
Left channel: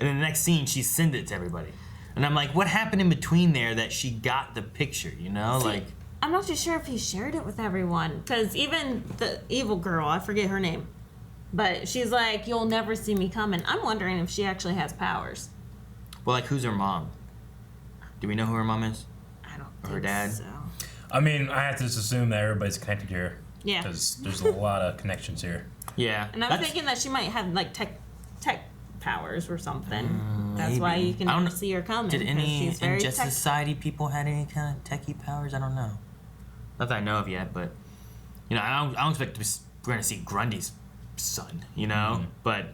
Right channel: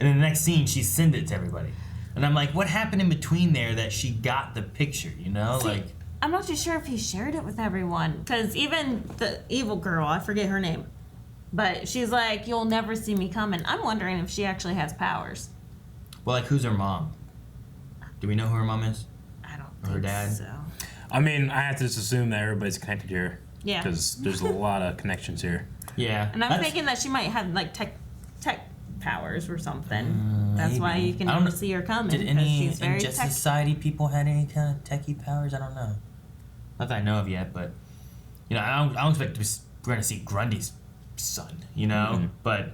And then the next scene, she sent it to everybody. And I'm like, what happened in between there that she got the picture, you know? See, like, I'm not too sure if he shared it with everyone. Because even the evil girl, I forget her name, but she's like, you'll never see me coming. I'm wondering if she actually has powers. well, like, who's her mom? Do we know who her mom is? I don't Or her dad? so. I mean, I have to just assume that everybody's connected here. Yeah. Because there's a lot of connections here. Yeah. And I'm thinking that she might have like tech powers or something. That's maybe. why you can I don't never know. see her coming. Did any she's very Injustice Society people had any kind of techie powers? I don't know. Not that I know of yet, but you know, I don't expect we're gonna see Grundy's son, you know. But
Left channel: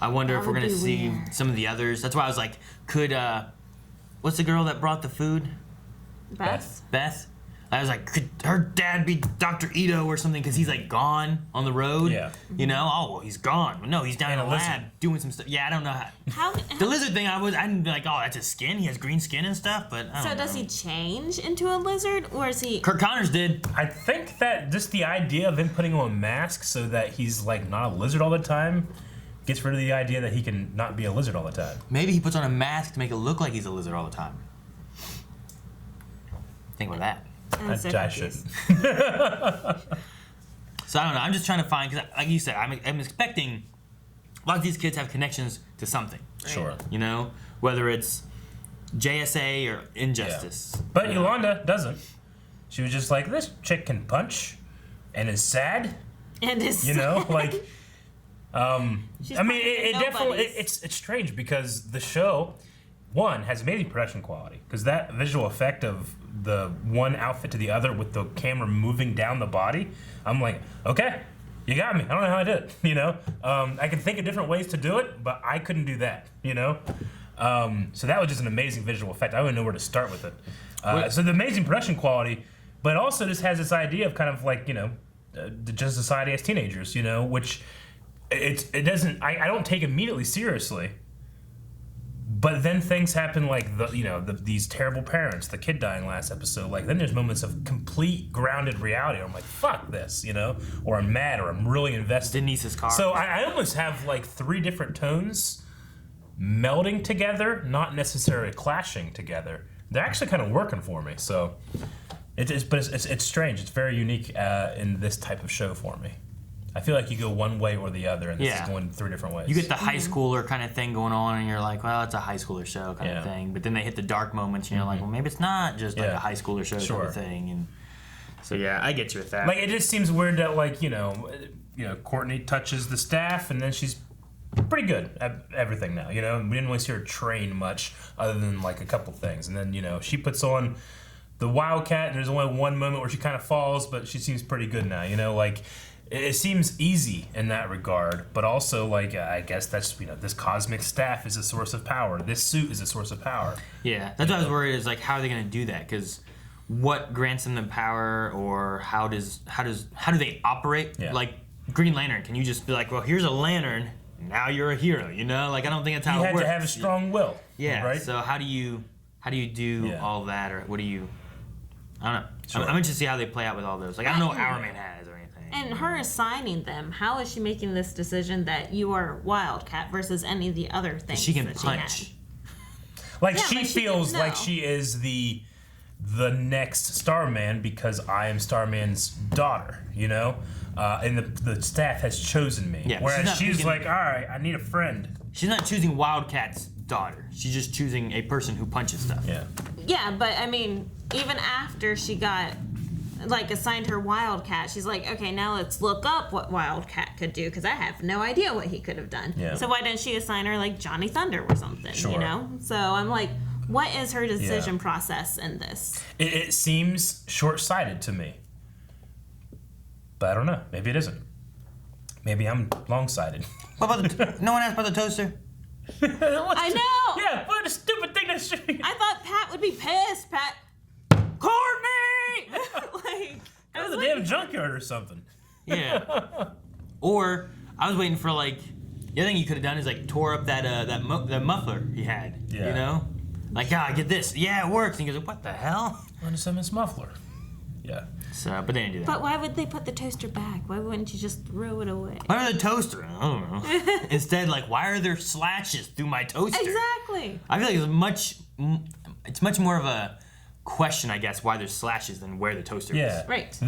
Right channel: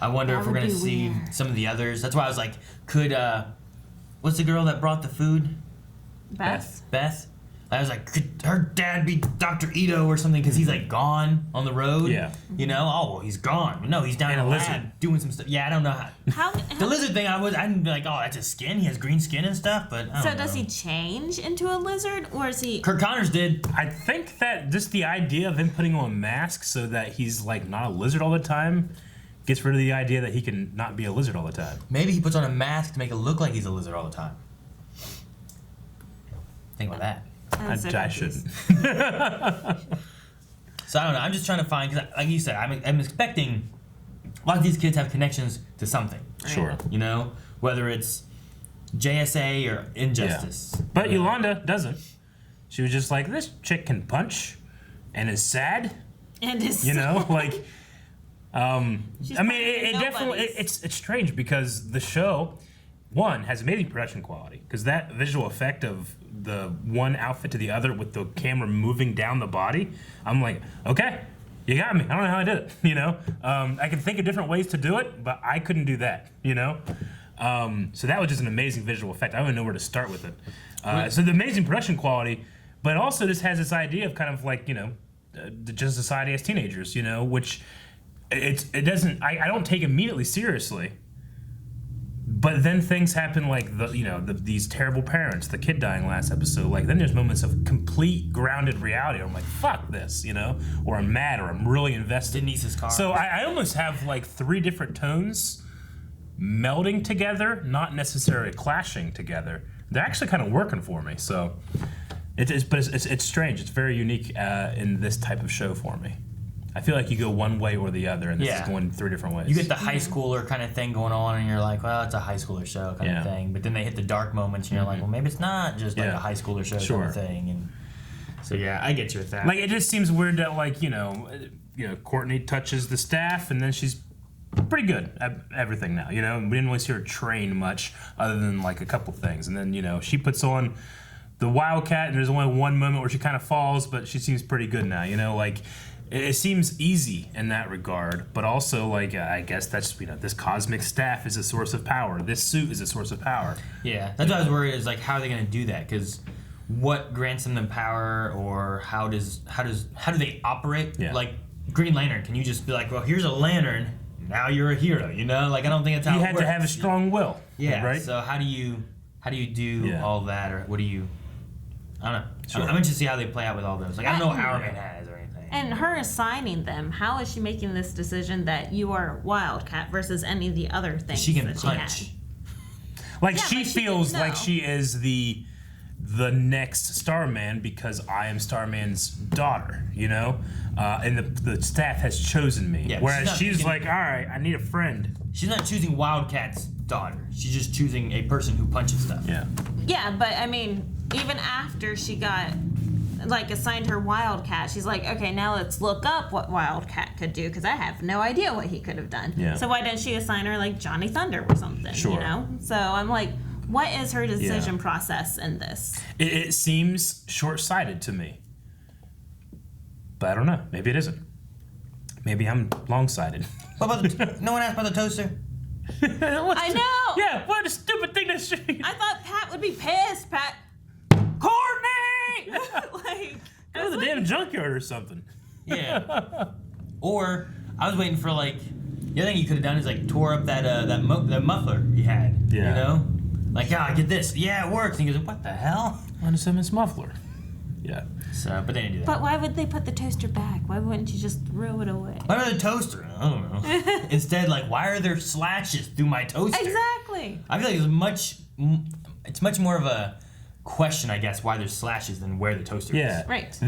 I wonder if we're gonna see some of the others. That's why I was like, could what's the girl that brought the food? Beth. I was like, could her dad be Dr. Ito or something? Because he's like gone on the road. Yeah. You know? Oh, well, he's gone. But no, he's down in a lab doing some stuff. Yeah, I don't know how. The lizard thing, I'd be like, oh, that's his skin. He has green skin and stuff. But I don't know. Does he change into a lizard, or is he? Kirk Connors did. I think that just the idea of him putting on a mask so that he's like not a lizard all the time gets rid of the idea that he can not be a lizard all the time. Maybe he puts on a mask to make it look like he's a lizard all the time. Think about that. I shouldn't. So I don't know. I'm just trying to find, because like you said, I'm expecting a lot of these kids have connections to something. Sure. You know, whether it's JSA or Injustice. Yeah. But Yolanda doesn't. She was just like, this chick can punch and is sad. And is you know, like. I mean, She's it definitely it's strange because the show, one, has amazing production quality because that visual effect of the one outfit to the other with the camera moving down the body, I'm like, okay, you got me. I don't know how I did it, you know? I can think of different ways to do it, but I couldn't do that, you know? So that was just an amazing visual effect. I don't even know where to start with it. So the amazing production quality, but also just has this idea of kind of like, you know, just society as teenagers, you know, which it doesn't, I don't take immediately seriously. But then things happen like these terrible parents, the kid dying last episode. Like then there's moments of complete grounded reality. I'm like, fuck this, you know, or I'm mad, or I'm really invested. Denise's car. So I almost have like 3 different tones melding together, not necessarily clashing together. They're actually kind of working for me. So it's strange. It's very unique in this type of show for me. I feel like you go one way or the other, and this is going 3 different ways. You get the high schooler kind of thing going on, and you're like, well, it's a high schooler show kind of thing. But then they hit the dark moments, and you're like, well, maybe it's not just like a high schooler show kind of thing. And so yeah, I get you with that. Like it just seems weird that like you know, Courtney touches the staff, and then she's pretty good at everything now. You know, we didn't really see her train much, other than like a couple things, and then she puts on the Wildcat, and there's only one moment where she kind of falls, but she seems pretty good now. You know, like. It seems easy in that regard, but also like I guess that's this cosmic staff is a source of power. This suit is a source of power. Yeah, that's what I was worried is like how are they going to do that? Because what grants them the power, or how do they operate? Yeah. Like Green Lantern, can you just be like, well, here's a lantern, now you're a hero? You know, like I don't think that's how it works. You had to have a strong will. Yeah. Right. So how do you do all that, or what do you? I don't know. Sure. I'm interested to see how they play out with all those. Like I don't know what Hourman has. And her assigning them, how is she making this decision that you are Wildcat versus any of the other things? She can punch. Like she feels like she is the next Starman because I am Starman's daughter, you know? And the staff has chosen me. Yeah, whereas she's like, all right, I need a friend. She's not choosing Wildcat's daughter. She's just choosing a person who punches stuff. Yeah. Yeah, but I mean, even after she got assigned her Wildcat, she's like, okay, now let's look up what Wildcat could do, because I have no idea what he could have done. Yeah. So why didn't she assign her like Johnny Thunder or something? Sure. You know? So I'm like, what is her decision process in this? It seems short-sighted to me, but I don't know. Maybe it isn't. Maybe I'm long-sighted. What about no one asked about the toaster? I know. Yeah. What a stupid thing to say. I thought Pat would be pissed. Pat. Courtney! That was a damn junkyard or something. Yeah. Or I was waiting for like the other thing you could have done is like tore up that muffler he had. Yeah. You know, like get this. Yeah, it works. And he goes, what the hell? Unassignment's muffler. Yeah. So, but they didn't do that. But why would they put the toaster back? Why wouldn't you just throw it away? Why are the toaster? I don't know. Instead, like, why are there slashes through my toaster? Exactly. I feel like it's much more of a question, I guess, why there's slashes than where the toaster is. Right.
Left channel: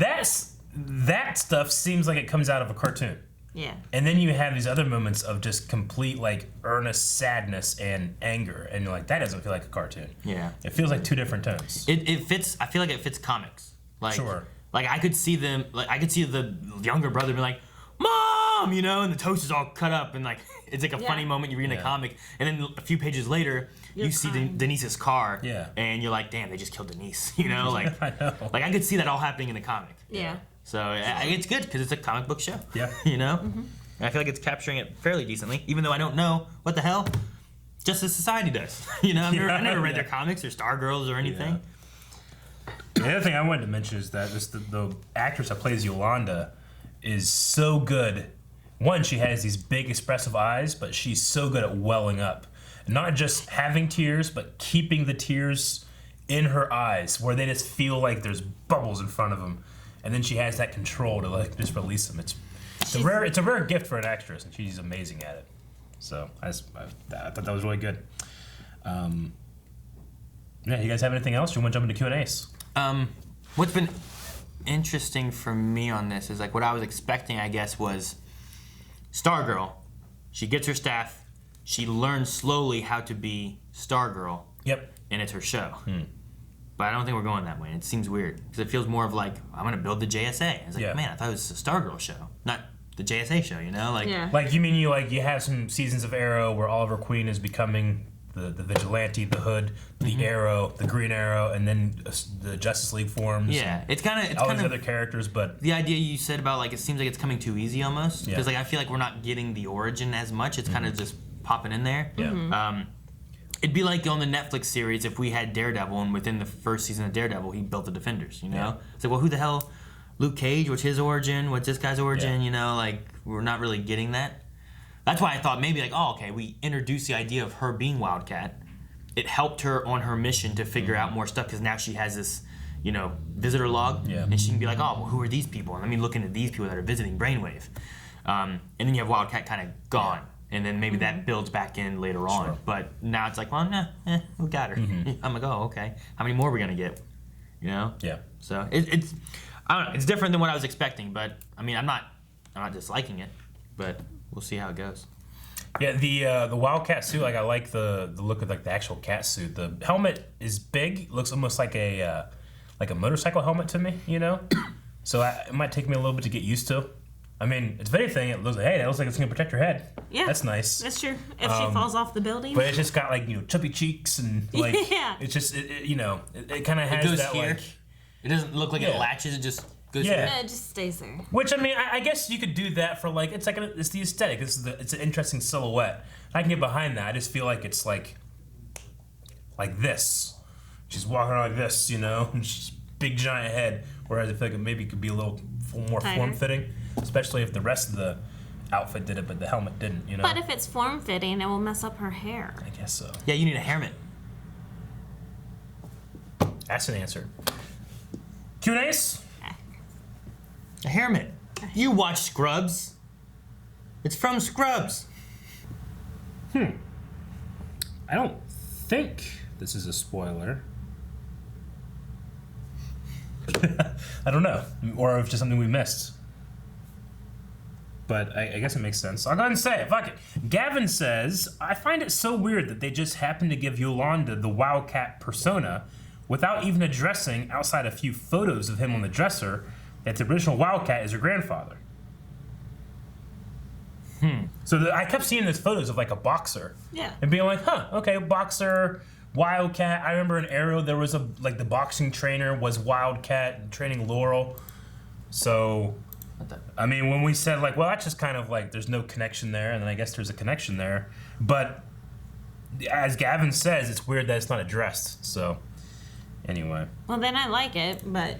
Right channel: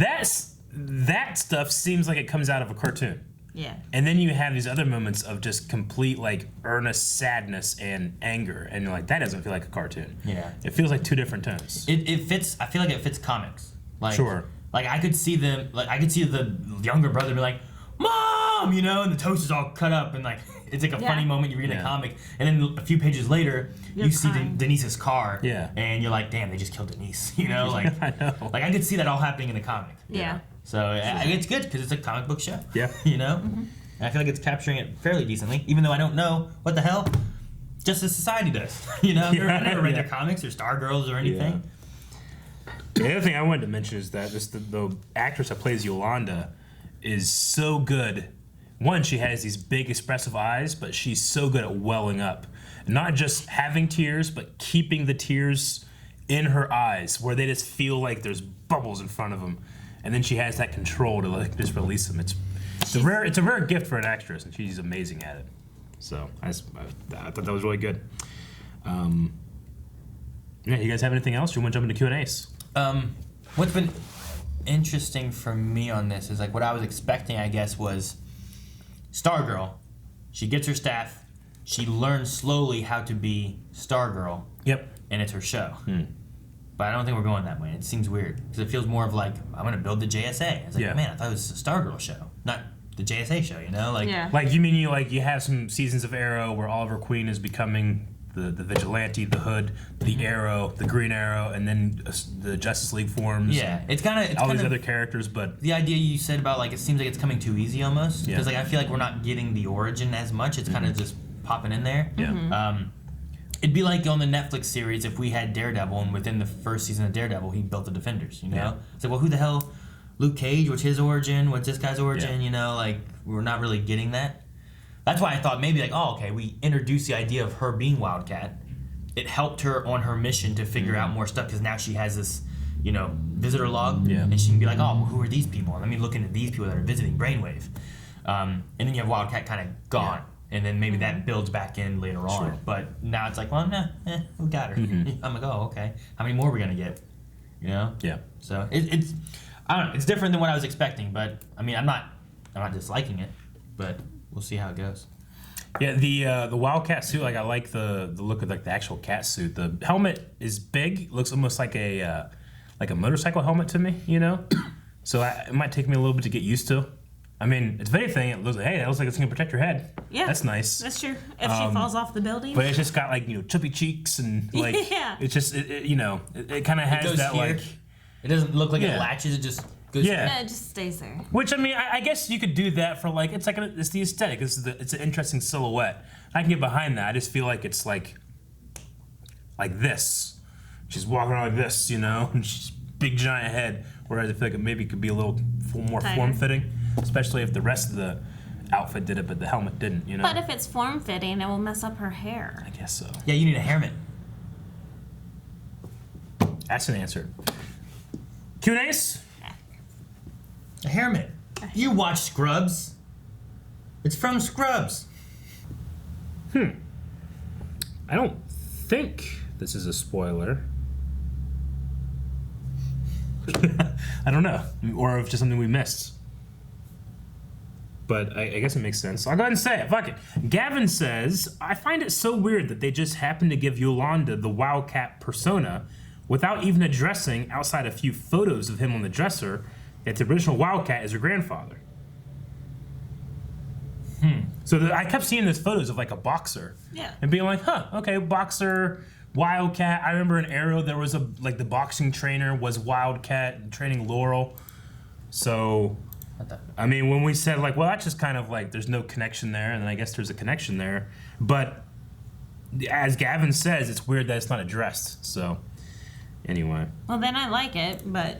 That stuff seems like it comes out of a cartoon. Yeah. And then you have these other moments of just complete like earnest sadness and anger, and you're like, that doesn't feel like a cartoon. Yeah. It feels like 2 different tones. It fits. I feel like it fits comics. Like, sure. Like I could see them. Like I could see the younger brother be like, "Mom," you know, and the toaster's all cut up, and like it's like a funny moment you read in a comic, and then a few pages later you see Denise's car, and you're like, "Damn, they just killed Denise," you know, like I know. Like I could see that all happening in the comic. Yeah. So it's good because it's a comic book show. Yeah. You know, and I feel like it's capturing it fairly decently, even though I don't know what the hell Justice Society does. You know, I never read their comics or Stargirls or anything. Yeah. The other thing I wanted to mention is that just the actress that plays Yolanda is so good. One, she has these big expressive eyes, but she's so good at welling up. Not just having tears, but keeping the tears in her eyes, where they just feel like there's bubbles in front of them. And then she has that control to like just release them. It's a rare gift for an actress, and she's amazing at it. So I thought that was really good. Yeah, you guys have anything else? You want to jump into Q&As? What's been interesting for me on this is like what I was expecting, I guess, was Stargirl. She gets her staff. She learns slowly how to be Stargirl. Yep. And it's her show. But I don't think we're going that way. It seems weird because it feels more of like I'm gonna build the JSA. It's like, man, I thought it was a Stargirl show, not the JSA show. You know, like like you mean you have some seasons of Arrow where Oliver Queen is becoming the vigilante, the Hood, the Arrow, the Green Arrow, and then the Justice League forms. Yeah, it's kind of all these other characters, but the idea you said about like it seems like it's coming too easy almost because like I feel like we're not getting the origin as much. It's kind of just popping in there. Yeah. It'd be like on the Netflix series if we had Daredevil, and within the first season of Daredevil, he built the Defenders, you know? Yeah. It's like, well, who the hell? Luke Cage, what's his origin? What's this guy's origin? You know, like, we're not really getting that. That's why I thought maybe, like, oh, okay, we introduced the idea of her being Wildcat. It helped her on her mission to figure out more stuff, because now she has this, you know, visitor log, and she can be like, oh, well, who are these people? And let me look into these people that are visiting Brainwave. And then you have Wildcat kind of gone. And then maybe that builds back in later on. Sure. But now it's like, well, we got her. I'm like, oh, okay. How many more are we going to get? You know? Yeah. So it's, I don't know. It's different than what I was expecting. But, I mean, I'm not disliking it. But we'll see how it goes. Yeah, the Wildcat suit, like, I like the look of, like, the actual cat suit. The helmet is big. Looks almost like a motorcycle helmet to me, you know? So it might take me a little bit to get used to. I mean, it's very thin. It looks like, hey, that looks like it's gonna protect your head. Yeah, that's nice. That's true. If she falls off the building. But it's just got, like, you know, chubby cheeks and, like, it's just, you know, it kind of has that here. Like, it doesn't look like it latches. It just goes. Yeah, it just stays there. Which, I mean, I guess you could do that for, like, it's the aesthetic. It's an interesting silhouette. I can get behind that. I just feel like it's like this. She's walking around like this, you know, and she's big giant head. Whereas I feel like it maybe could be a little more form-fitting. Especially if the rest of the outfit did it, but the helmet didn't, you know? But if it's form-fitting, it will mess up her hair. I guess so. Yeah, you need a hairnet. That's an answer. Q&A's? A hairnet. You watch Scrubs. It's from Scrubs. I don't think this is a spoiler. I don't know. Or if just something we missed. But I guess it makes sense. I'll go ahead and say it. Fuck it. Gavin says, I find it so weird that they just happened to give Yolanda the Wildcat persona without even addressing, outside a few photos of him on the dresser, that the original Wildcat is her grandfather. So I kept seeing these photos of, like, a boxer. Yeah. And being like, okay, boxer, Wildcat. I remember in Arrow there was the boxing trainer was Wildcat training Laurel. So, I mean, when we said, like, well, that's just kind of like there's no connection there, and then I guess there's a connection there. But as Gavin says, it's weird that it's not addressed. So, anyway. Well, then I like it, but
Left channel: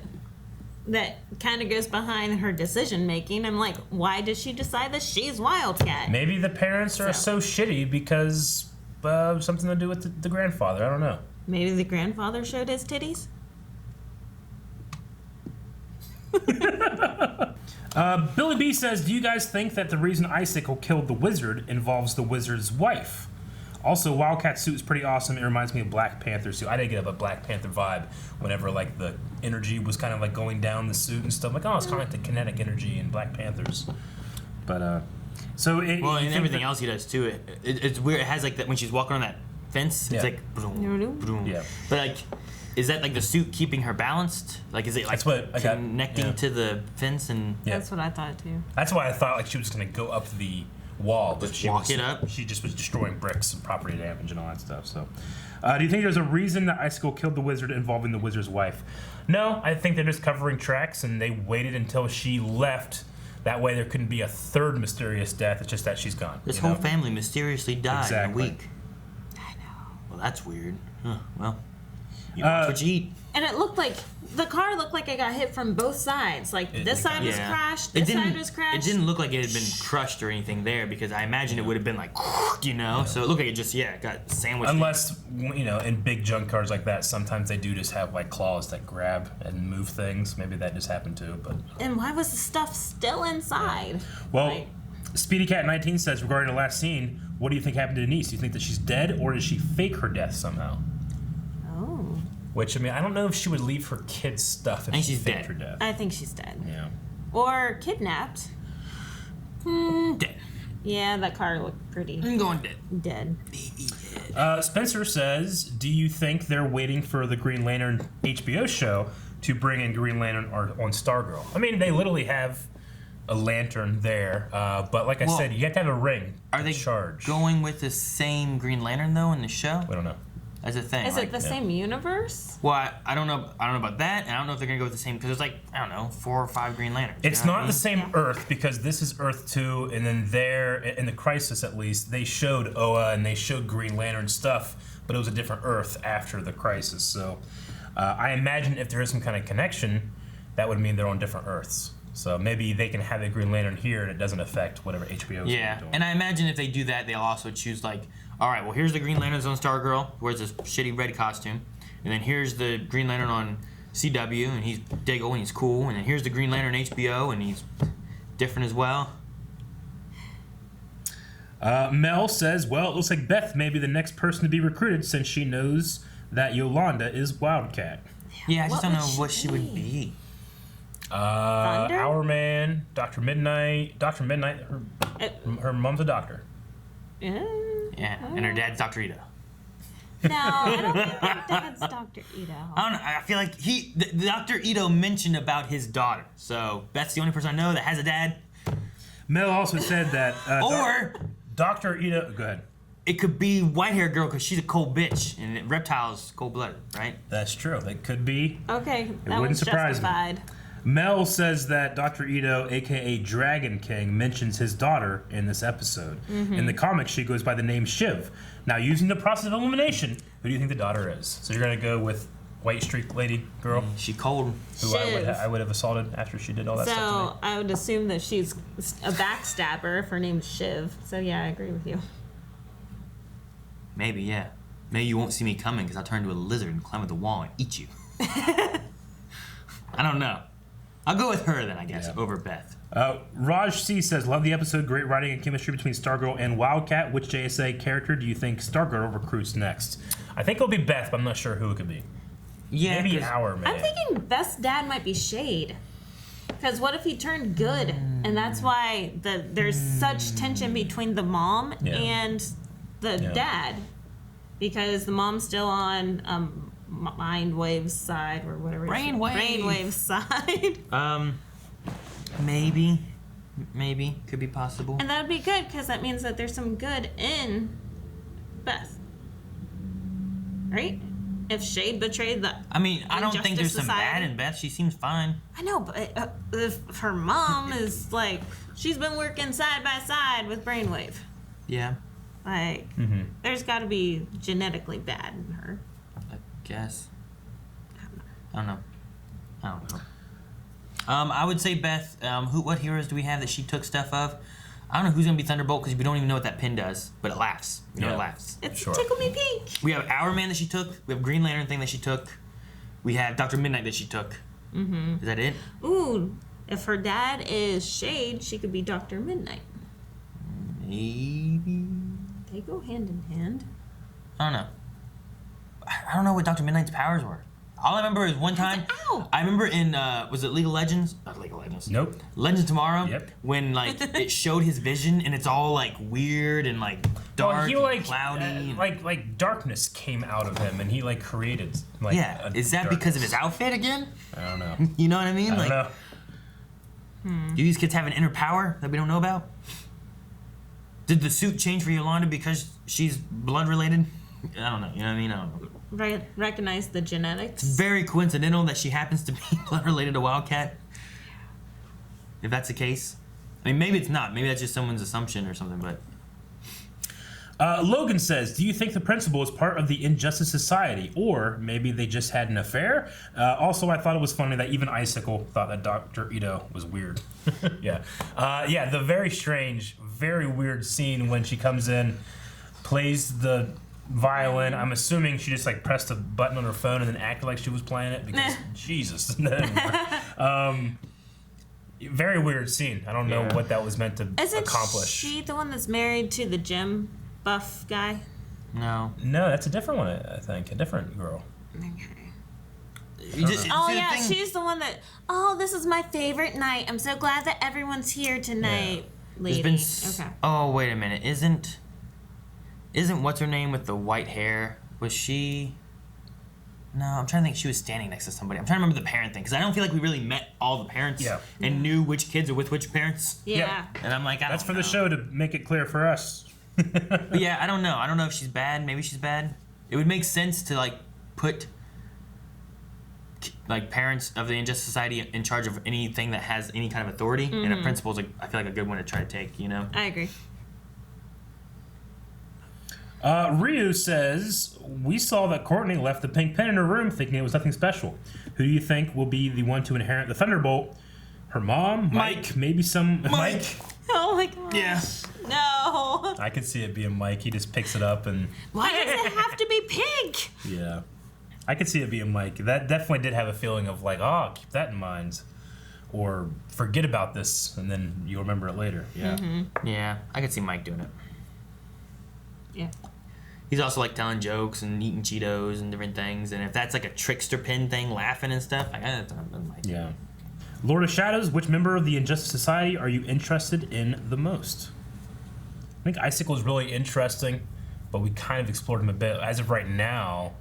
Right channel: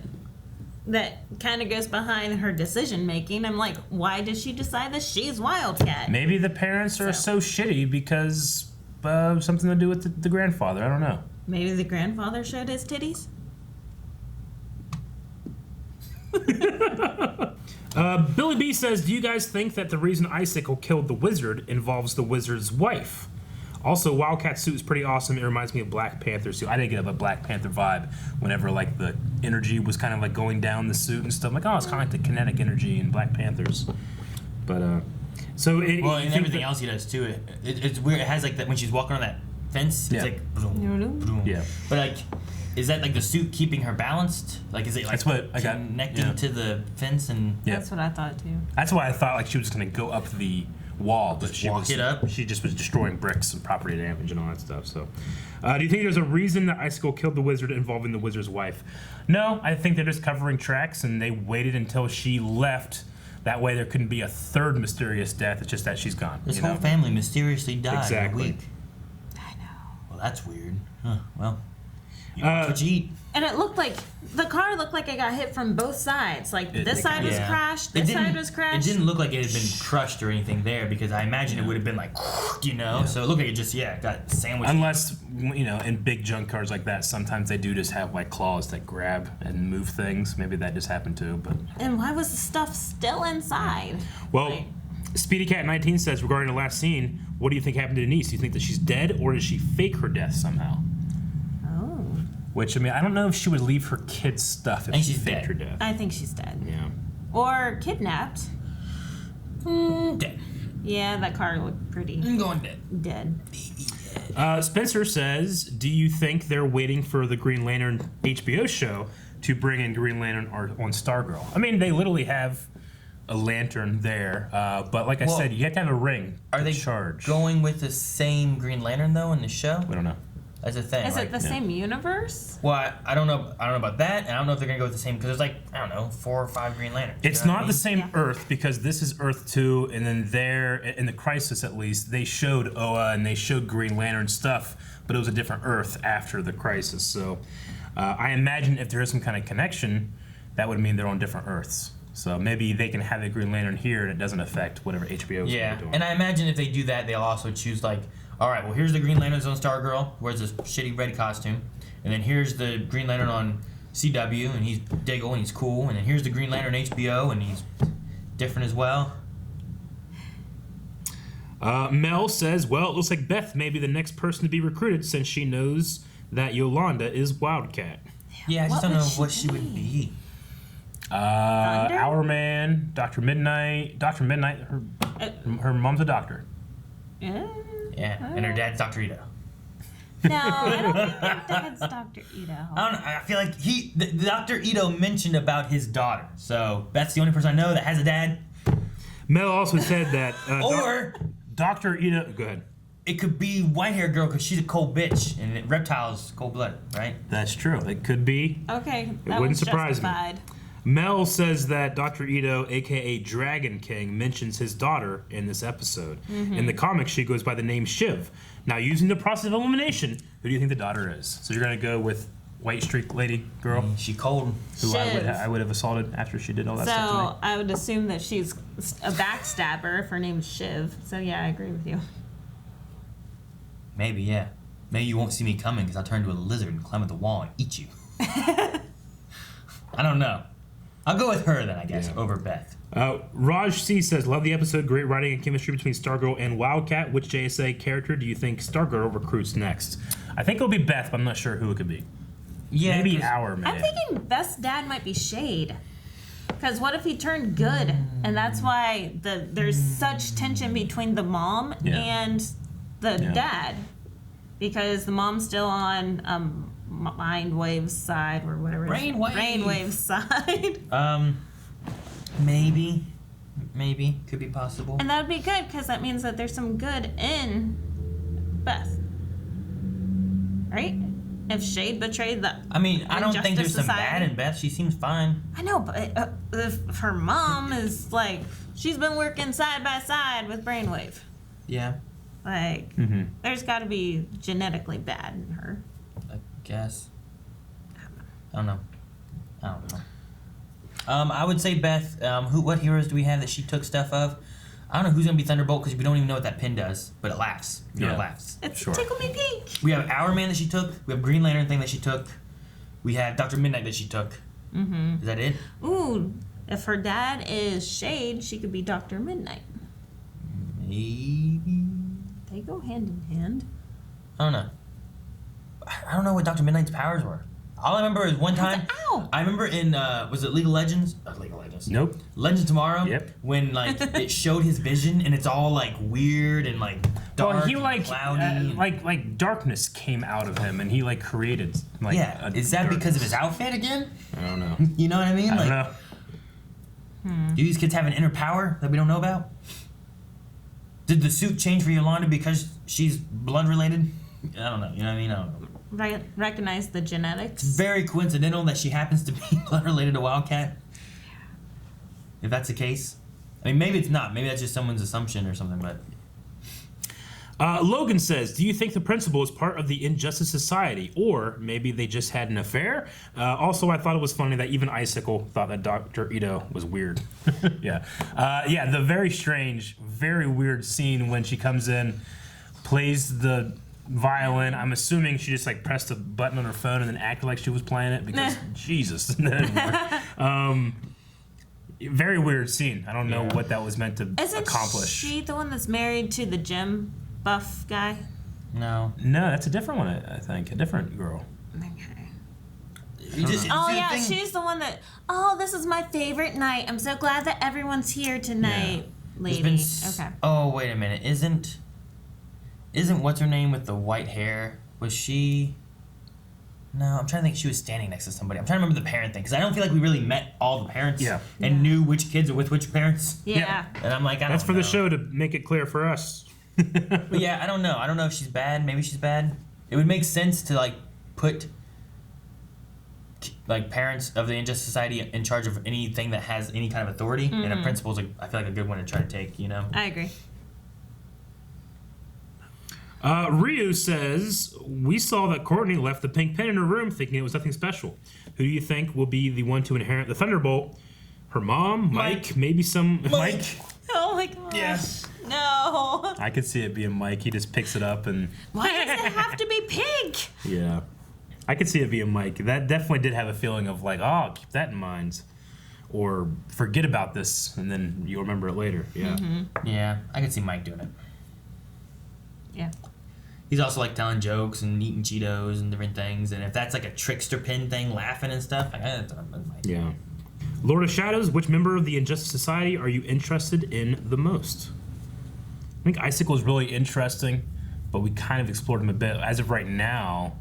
that kind of goes behind her decision making. I'm like, why does she decide that she's Wildcat? Maybe the parents are so shitty because something to do with the grandfather. I don't know. Maybe the grandfather showed his titties? Billy B says, do you guys think that the reason Icicle killed the wizard involves the wizard's wife? Also, Wildcat's suit is pretty awesome. It reminds me of Black Panther's suit. I didn't get a Black Panther vibe whenever, like, the energy was kind of, like, going down the suit and stuff. I'm like, oh, it's kind of like the kinetic energy in Black Panthers. But, so it... Well, and everything else he does, too. It's weird. It has, like, that when she's walking on that fence, it's like... Boom, boom. Yeah. But, like... Is that, like, the suit keeping her balanced? Like, is it, like, connecting to the fence? And That's what I thought, too. That's why I thought, like, she was going to go up the wall. But she walk it up? She just was destroying bricks and property damage and all that stuff. So, do you think there's a reason that Icicle killed the wizard involving the wizard's wife? No, I think they're just covering tracks, and they waited until she left. That way there couldn't be a third mysterious death. It's just that she's gone. This whole family mysteriously died in a week. I know. Well, that's weird. Huh, well... You watch what you eat. And it looked like the car looked like it got hit from both sides. Like this side was crashed, this side was crashed. It didn't look like it had been crushed or anything there because I imagine it would have been like, you know. Yeah. So it looked like it just got sandwiched. Unless in big junk cars like that, sometimes they do just have like claws that grab and move things. Maybe that just happened too. But and why was the stuff still inside? Well, Speedy Cat 19 says regarding the last scene, what do you think happened to Denise? Do you think that she's dead or does she fake her death somehow? Which, I mean, I don't know if she would leave her kids' stuff if she faked her death. I think she's dead. Yeah. Or kidnapped. Dead. Yeah, that car looked pretty. I'm going dead. Dead. Spencer says, do you think they're waiting for the Green Lantern HBO show to bring in Green Lantern on Stargirl? I mean, they literally have a lantern there, but like I said, you have to have a ring. Are they going with the same Green Lantern, though, in the show? I don't know. As a thing. Is it the same universe? Well, I don't know. I don't know about that, and I don't know if they're gonna go with the same because there's like 4 or 5 Green Lanterns. It's not the same Earth because this is Earth 2, and then there in the Crisis at least they showed Oa and they showed Green Lantern stuff, but it was a different Earth after the crisis. So I imagine if there is some kind of connection, that would mean they're on different Earths. So maybe they can have the Green Lantern here and it doesn't affect whatever HBO is doing. And I imagine if they do that, they'll also choose like, all right, well, here's the Green Lantern on Stargirl, wears this shitty red costume. And then here's the Green Lantern on CW, and he's Diggle, and he's cool. And then here's the Green Lantern HBO, and he's different as well. Mel says, well, it looks like Beth may be the next person to be recruited since she knows that Yolanda is Wildcat. Yeah, I just don't know what she would be. Our Man, Dr. Midnight, her mom's a doctor. Yeah, and her dad's Dr. Ito. No, I don't think her dad's Dr. Ito. I don't know, I feel like Dr. Ito mentioned about his daughter, so that's the only person I know that has a dad. Mel also said that or Dr. Ito, go ahead. It could be white-haired girl because she's a cold bitch, and reptiles cold-blooded, right? That's true. It could be. Okay, It wouldn't surprise justified. me. Mel says that Dr. Ito, a.k.a. Dragon King, mentions his daughter in this episode. Mm-hmm. In the comics, she goes by the name Shiv. Now, using the process of elimination, who do you think the daughter is? So you're going to go with white streak lady girl? She cold. Who I would have assaulted after she did all that stuff to me. So I would assume that she's a backstabber if her name's Shiv. So yeah, I agree with you. Maybe, yeah. Maybe you won't see me coming because I'll turn into a lizard and climb up the wall and eat you. I don't know. I'll go with her then, I guess, over Beth. Raj C says, love the episode. Great writing and chemistry between Stargirl and Wildcat. Which JSA character do you think Stargirl recruits next? I think it'll be Beth, but I'm not sure who it could be. Yeah, maybe Our Man. I'm thinking Beth's dad might be Shade. Because what if he turned good? And that's why there's such tension between the mom and the dad. Because the mom's still on Mindwave's side or whatever. Brainwave's side. Maybe could be possible. And that would be good because that means that there's some good in Beth, right? If Shade betrayed the I don't think there's some Society. bad in Beth. She seems fine. I know, but if her mom is like, she's been working side by side with Brainwave. Yeah. Like, there's got to be genetically bad in her. I guess. I don't know. I would say Beth. What heroes do we have that she took stuff of? I don't know who's gonna be Thunderbolt because we don't even know what that pin does, but it laughs. You know, it laughs. It's Tickle Me Pink. We have Our Man that she took. We have Green Lantern thing that she took. We have Dr. Midnight that she took. Is that it? Ooh, if her dad is Shade, she could be Dr. Midnight. Maybe. They go hand in hand. I don't know. I don't know what Dr. Midnight's powers were. All I remember is one time. I remember in was it League of Legends? Not League of Legends. Nope. Legends Tomorrow. Yep. When like it showed his vision and it's all like weird and like dark, and cloudy. Like darkness came out of him and he like created like. Yeah. Is that because of his outfit again? I don't know. You know what I mean? I don't know. Do these kids have an inner power that we don't know about? Did the suit change for Yolanda because she's blood related? I don't know. You know what I mean? I don't know. Recognize the genetics. It's very coincidental that she happens to be blood related to Wildcat. If that's the case. I mean, maybe it's not. Maybe that's just someone's assumption or something, but... Logan says, do you think the principal is part of the Injustice Society? Or maybe they just had an affair? Also, I thought it was funny that even Icicle thought that Dr. Ito was weird. Yeah, the very strange, very weird scene when she comes in, plays the violin. I'm assuming she just like pressed a button on her phone and then acted like she was playing it because Jesus. Very weird scene. I don't know what that was meant to accomplish. Isn't she the one that's married to the gym buff guy? No, that's a different one. I think a different girl. She's the one that. Oh, this is my favorite night. I'm so glad that everyone's here tonight, lady. Okay. Oh, wait a minute. Isn't what's her name with the white hair? Was she? No, I'm trying to think. She was standing next to somebody. I'm trying to remember the parent thing because I don't feel like we really met all the parents and knew which kids are with which parents. Yeah. And I'm like, that's for the show to make it clear for us. But yeah, I don't know. I don't know if she's bad. Maybe she's bad. It would make sense to like put like parents of the Injustice Society in charge of anything that has any kind of authority, and a principal's I feel like a good one to try to take. You know. I agree. Ryu says, we saw that Courtney left the pink pen in her room thinking it was nothing special. Who do you think will be the one to inherit the Thunderbolt? Her mom? Mike? Maybe some... Mike? Oh my gosh. Yeah. No. I could see it being Mike. He just picks it up and... Why does it have to be pink? Yeah. I could see it being Mike. That definitely did have a feeling of like, oh, keep that in mind. Or forget about this, and then you'll remember it later. Yeah. Yeah, I could see Mike doing it. Yeah. He's also like telling jokes and eating Cheetos and different things. And if that's like a trickster pin thing, laughing and stuff, like, that's Mike. Yeah. Lord of Shadows, which member of the Injustice Society are you interested in the most? I think Icicle's really interesting, but we kind of explored him a bit. As of right now,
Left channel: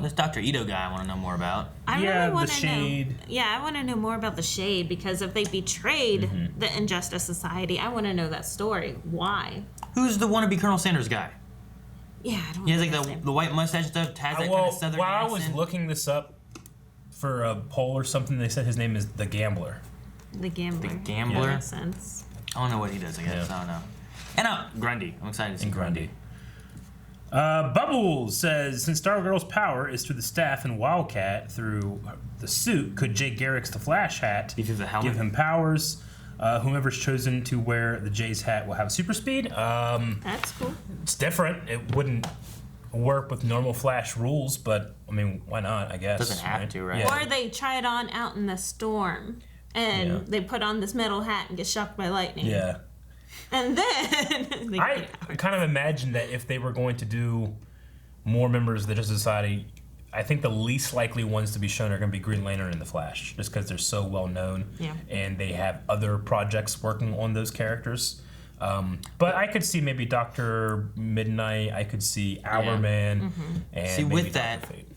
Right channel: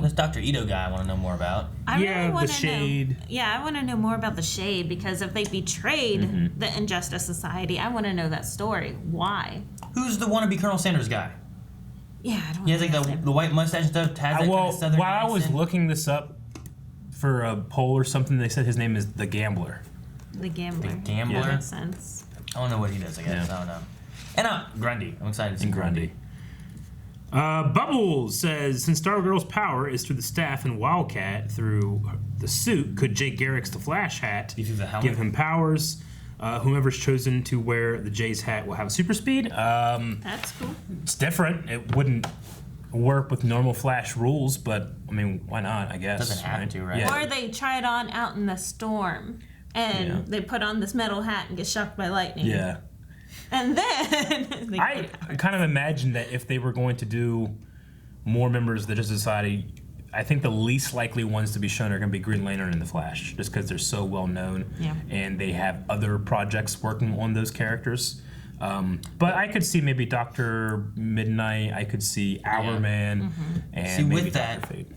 this Dr. Ito guy I want to know more about. I yeah, really want the to Shade. know. Yeah, I want to know more about the Shade, because if they betrayed the Injustice Society, I want to know that story. Why? Who's the wannabe Colonel Sanders guy? Yeah, I don't He has like the white mustache stuff. Has that kind of southern while I was accent. looking this up for a poll or something, they said his name is The Gambler. The Gambler. The Gambler? That makes sense. I don't know what he does, I guess. I don't know. And Grundy. I'm excited to see Grundy. Bubbles says, since Stargirl's power is through the staff and Wildcat through the suit, could Jay Garrick's The Flash hat give him powers? Whomever's chosen to wear the Jay's hat will have super speed. That's cool. It's different. It wouldn't work with normal Flash rules, but I mean, why not? I guess doesn't have to, right? Or they try it on out in the storm, and they put on this metal hat and get shocked by lightning. Yeah. And then I kind of imagine that if they were going to do more members of the Justice Society, I think the least likely ones to be shown are going to be Green Lantern and the Flash, just because they're so well known, and they have other projects working on those characters. But I could see maybe Dr. Midnight. I could see Hourman, and see, maybe with Dr. that, Fate.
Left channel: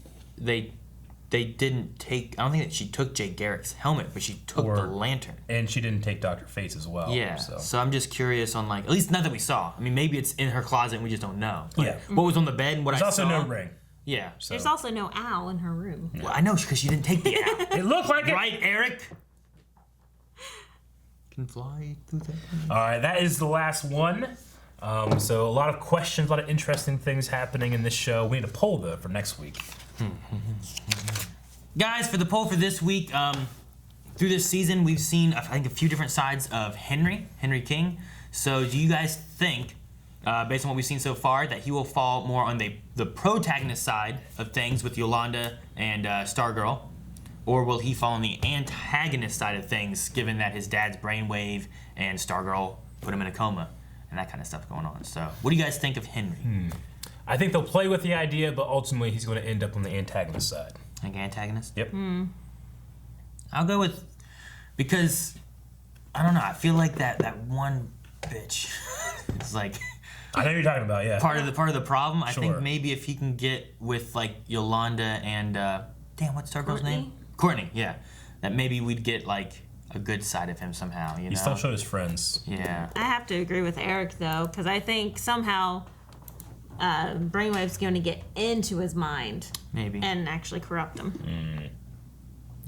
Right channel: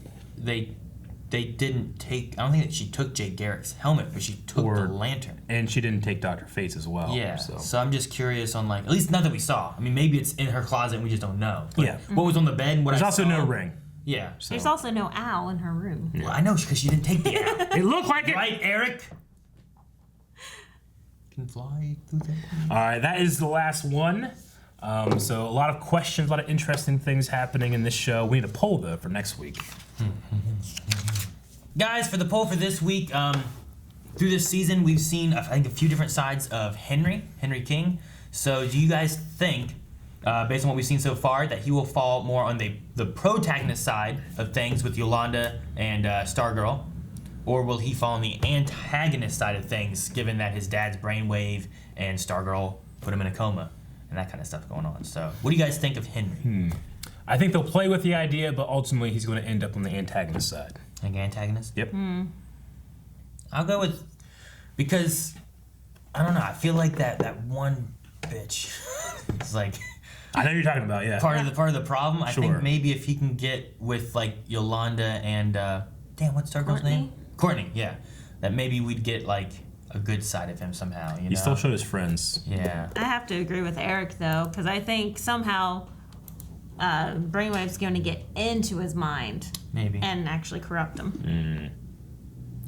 they didn't take. I don't think that she took Jay Garrick's helmet, but she took the lantern, and she didn't take Dr. Fate's as well. Yeah. So I'm just curious on like, at least not that we saw. I mean, maybe it's in her closet and we just don't know. But what was on the bed? And what There's I also saw, no ring. Yeah. So. There's also no owl in her room. Well, I know because she didn't take the owl. It looked like it. Right, Eric? Can fly through that. All right, that is the last one. So a lot of questions, a lot of interesting things happening in this show. We need a poll though for next week. Guys, for the poll for this week, through this season, we've seen I think a few different sides of Henry King. So do you guys think, based on what we've seen so far, that he will fall more on the protagonist side of things with Yolanda and Stargirl? Or will he fall on the antagonist side of things, given that his dad's brainwave and Stargirl put him in a coma and that kind of stuff going on? So what do you guys think of Henry? I think they'll play with the idea, but ultimately he's going to end up on the antagonist side. Like antagonist? Yep. I'll go with, because, I don't know, I feel like that one bitch is like... I know what you're talking about, yeah. Part of the problem. I Sure. think maybe if he can get with like Yolanda and damn, what's Stargirl's name? Courtney. Yeah, that maybe we'd get like a good side of him somehow. You know? He still showed his friends. Yeah. I have to agree with Eric though, because I think somehow Brainwave's going to get into his mind, maybe, and actually corrupt him.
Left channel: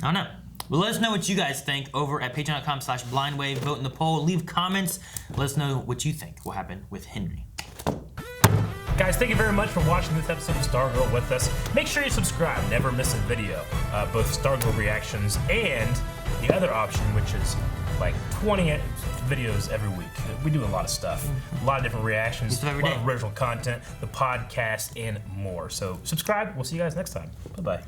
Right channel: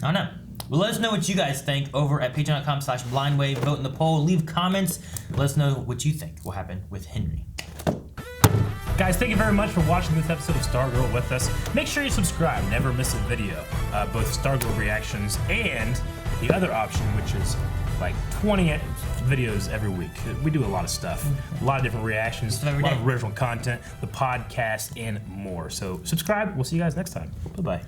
I don't know. Well, let us know what you guys think over at patreon.com/blindwave. Vote in the poll. Leave comments. Let us know what you think will happen with Henry. Guys, thank you very much for watching this episode of Stargirl with us. Make sure you subscribe. Never miss a video. Both Stargirl reactions and the other option, which is like 20 videos every week. We do a lot of stuff. A lot of different reactions. A lot of original content, the podcast, and more. So subscribe. We'll see you guys next time. Bye-bye.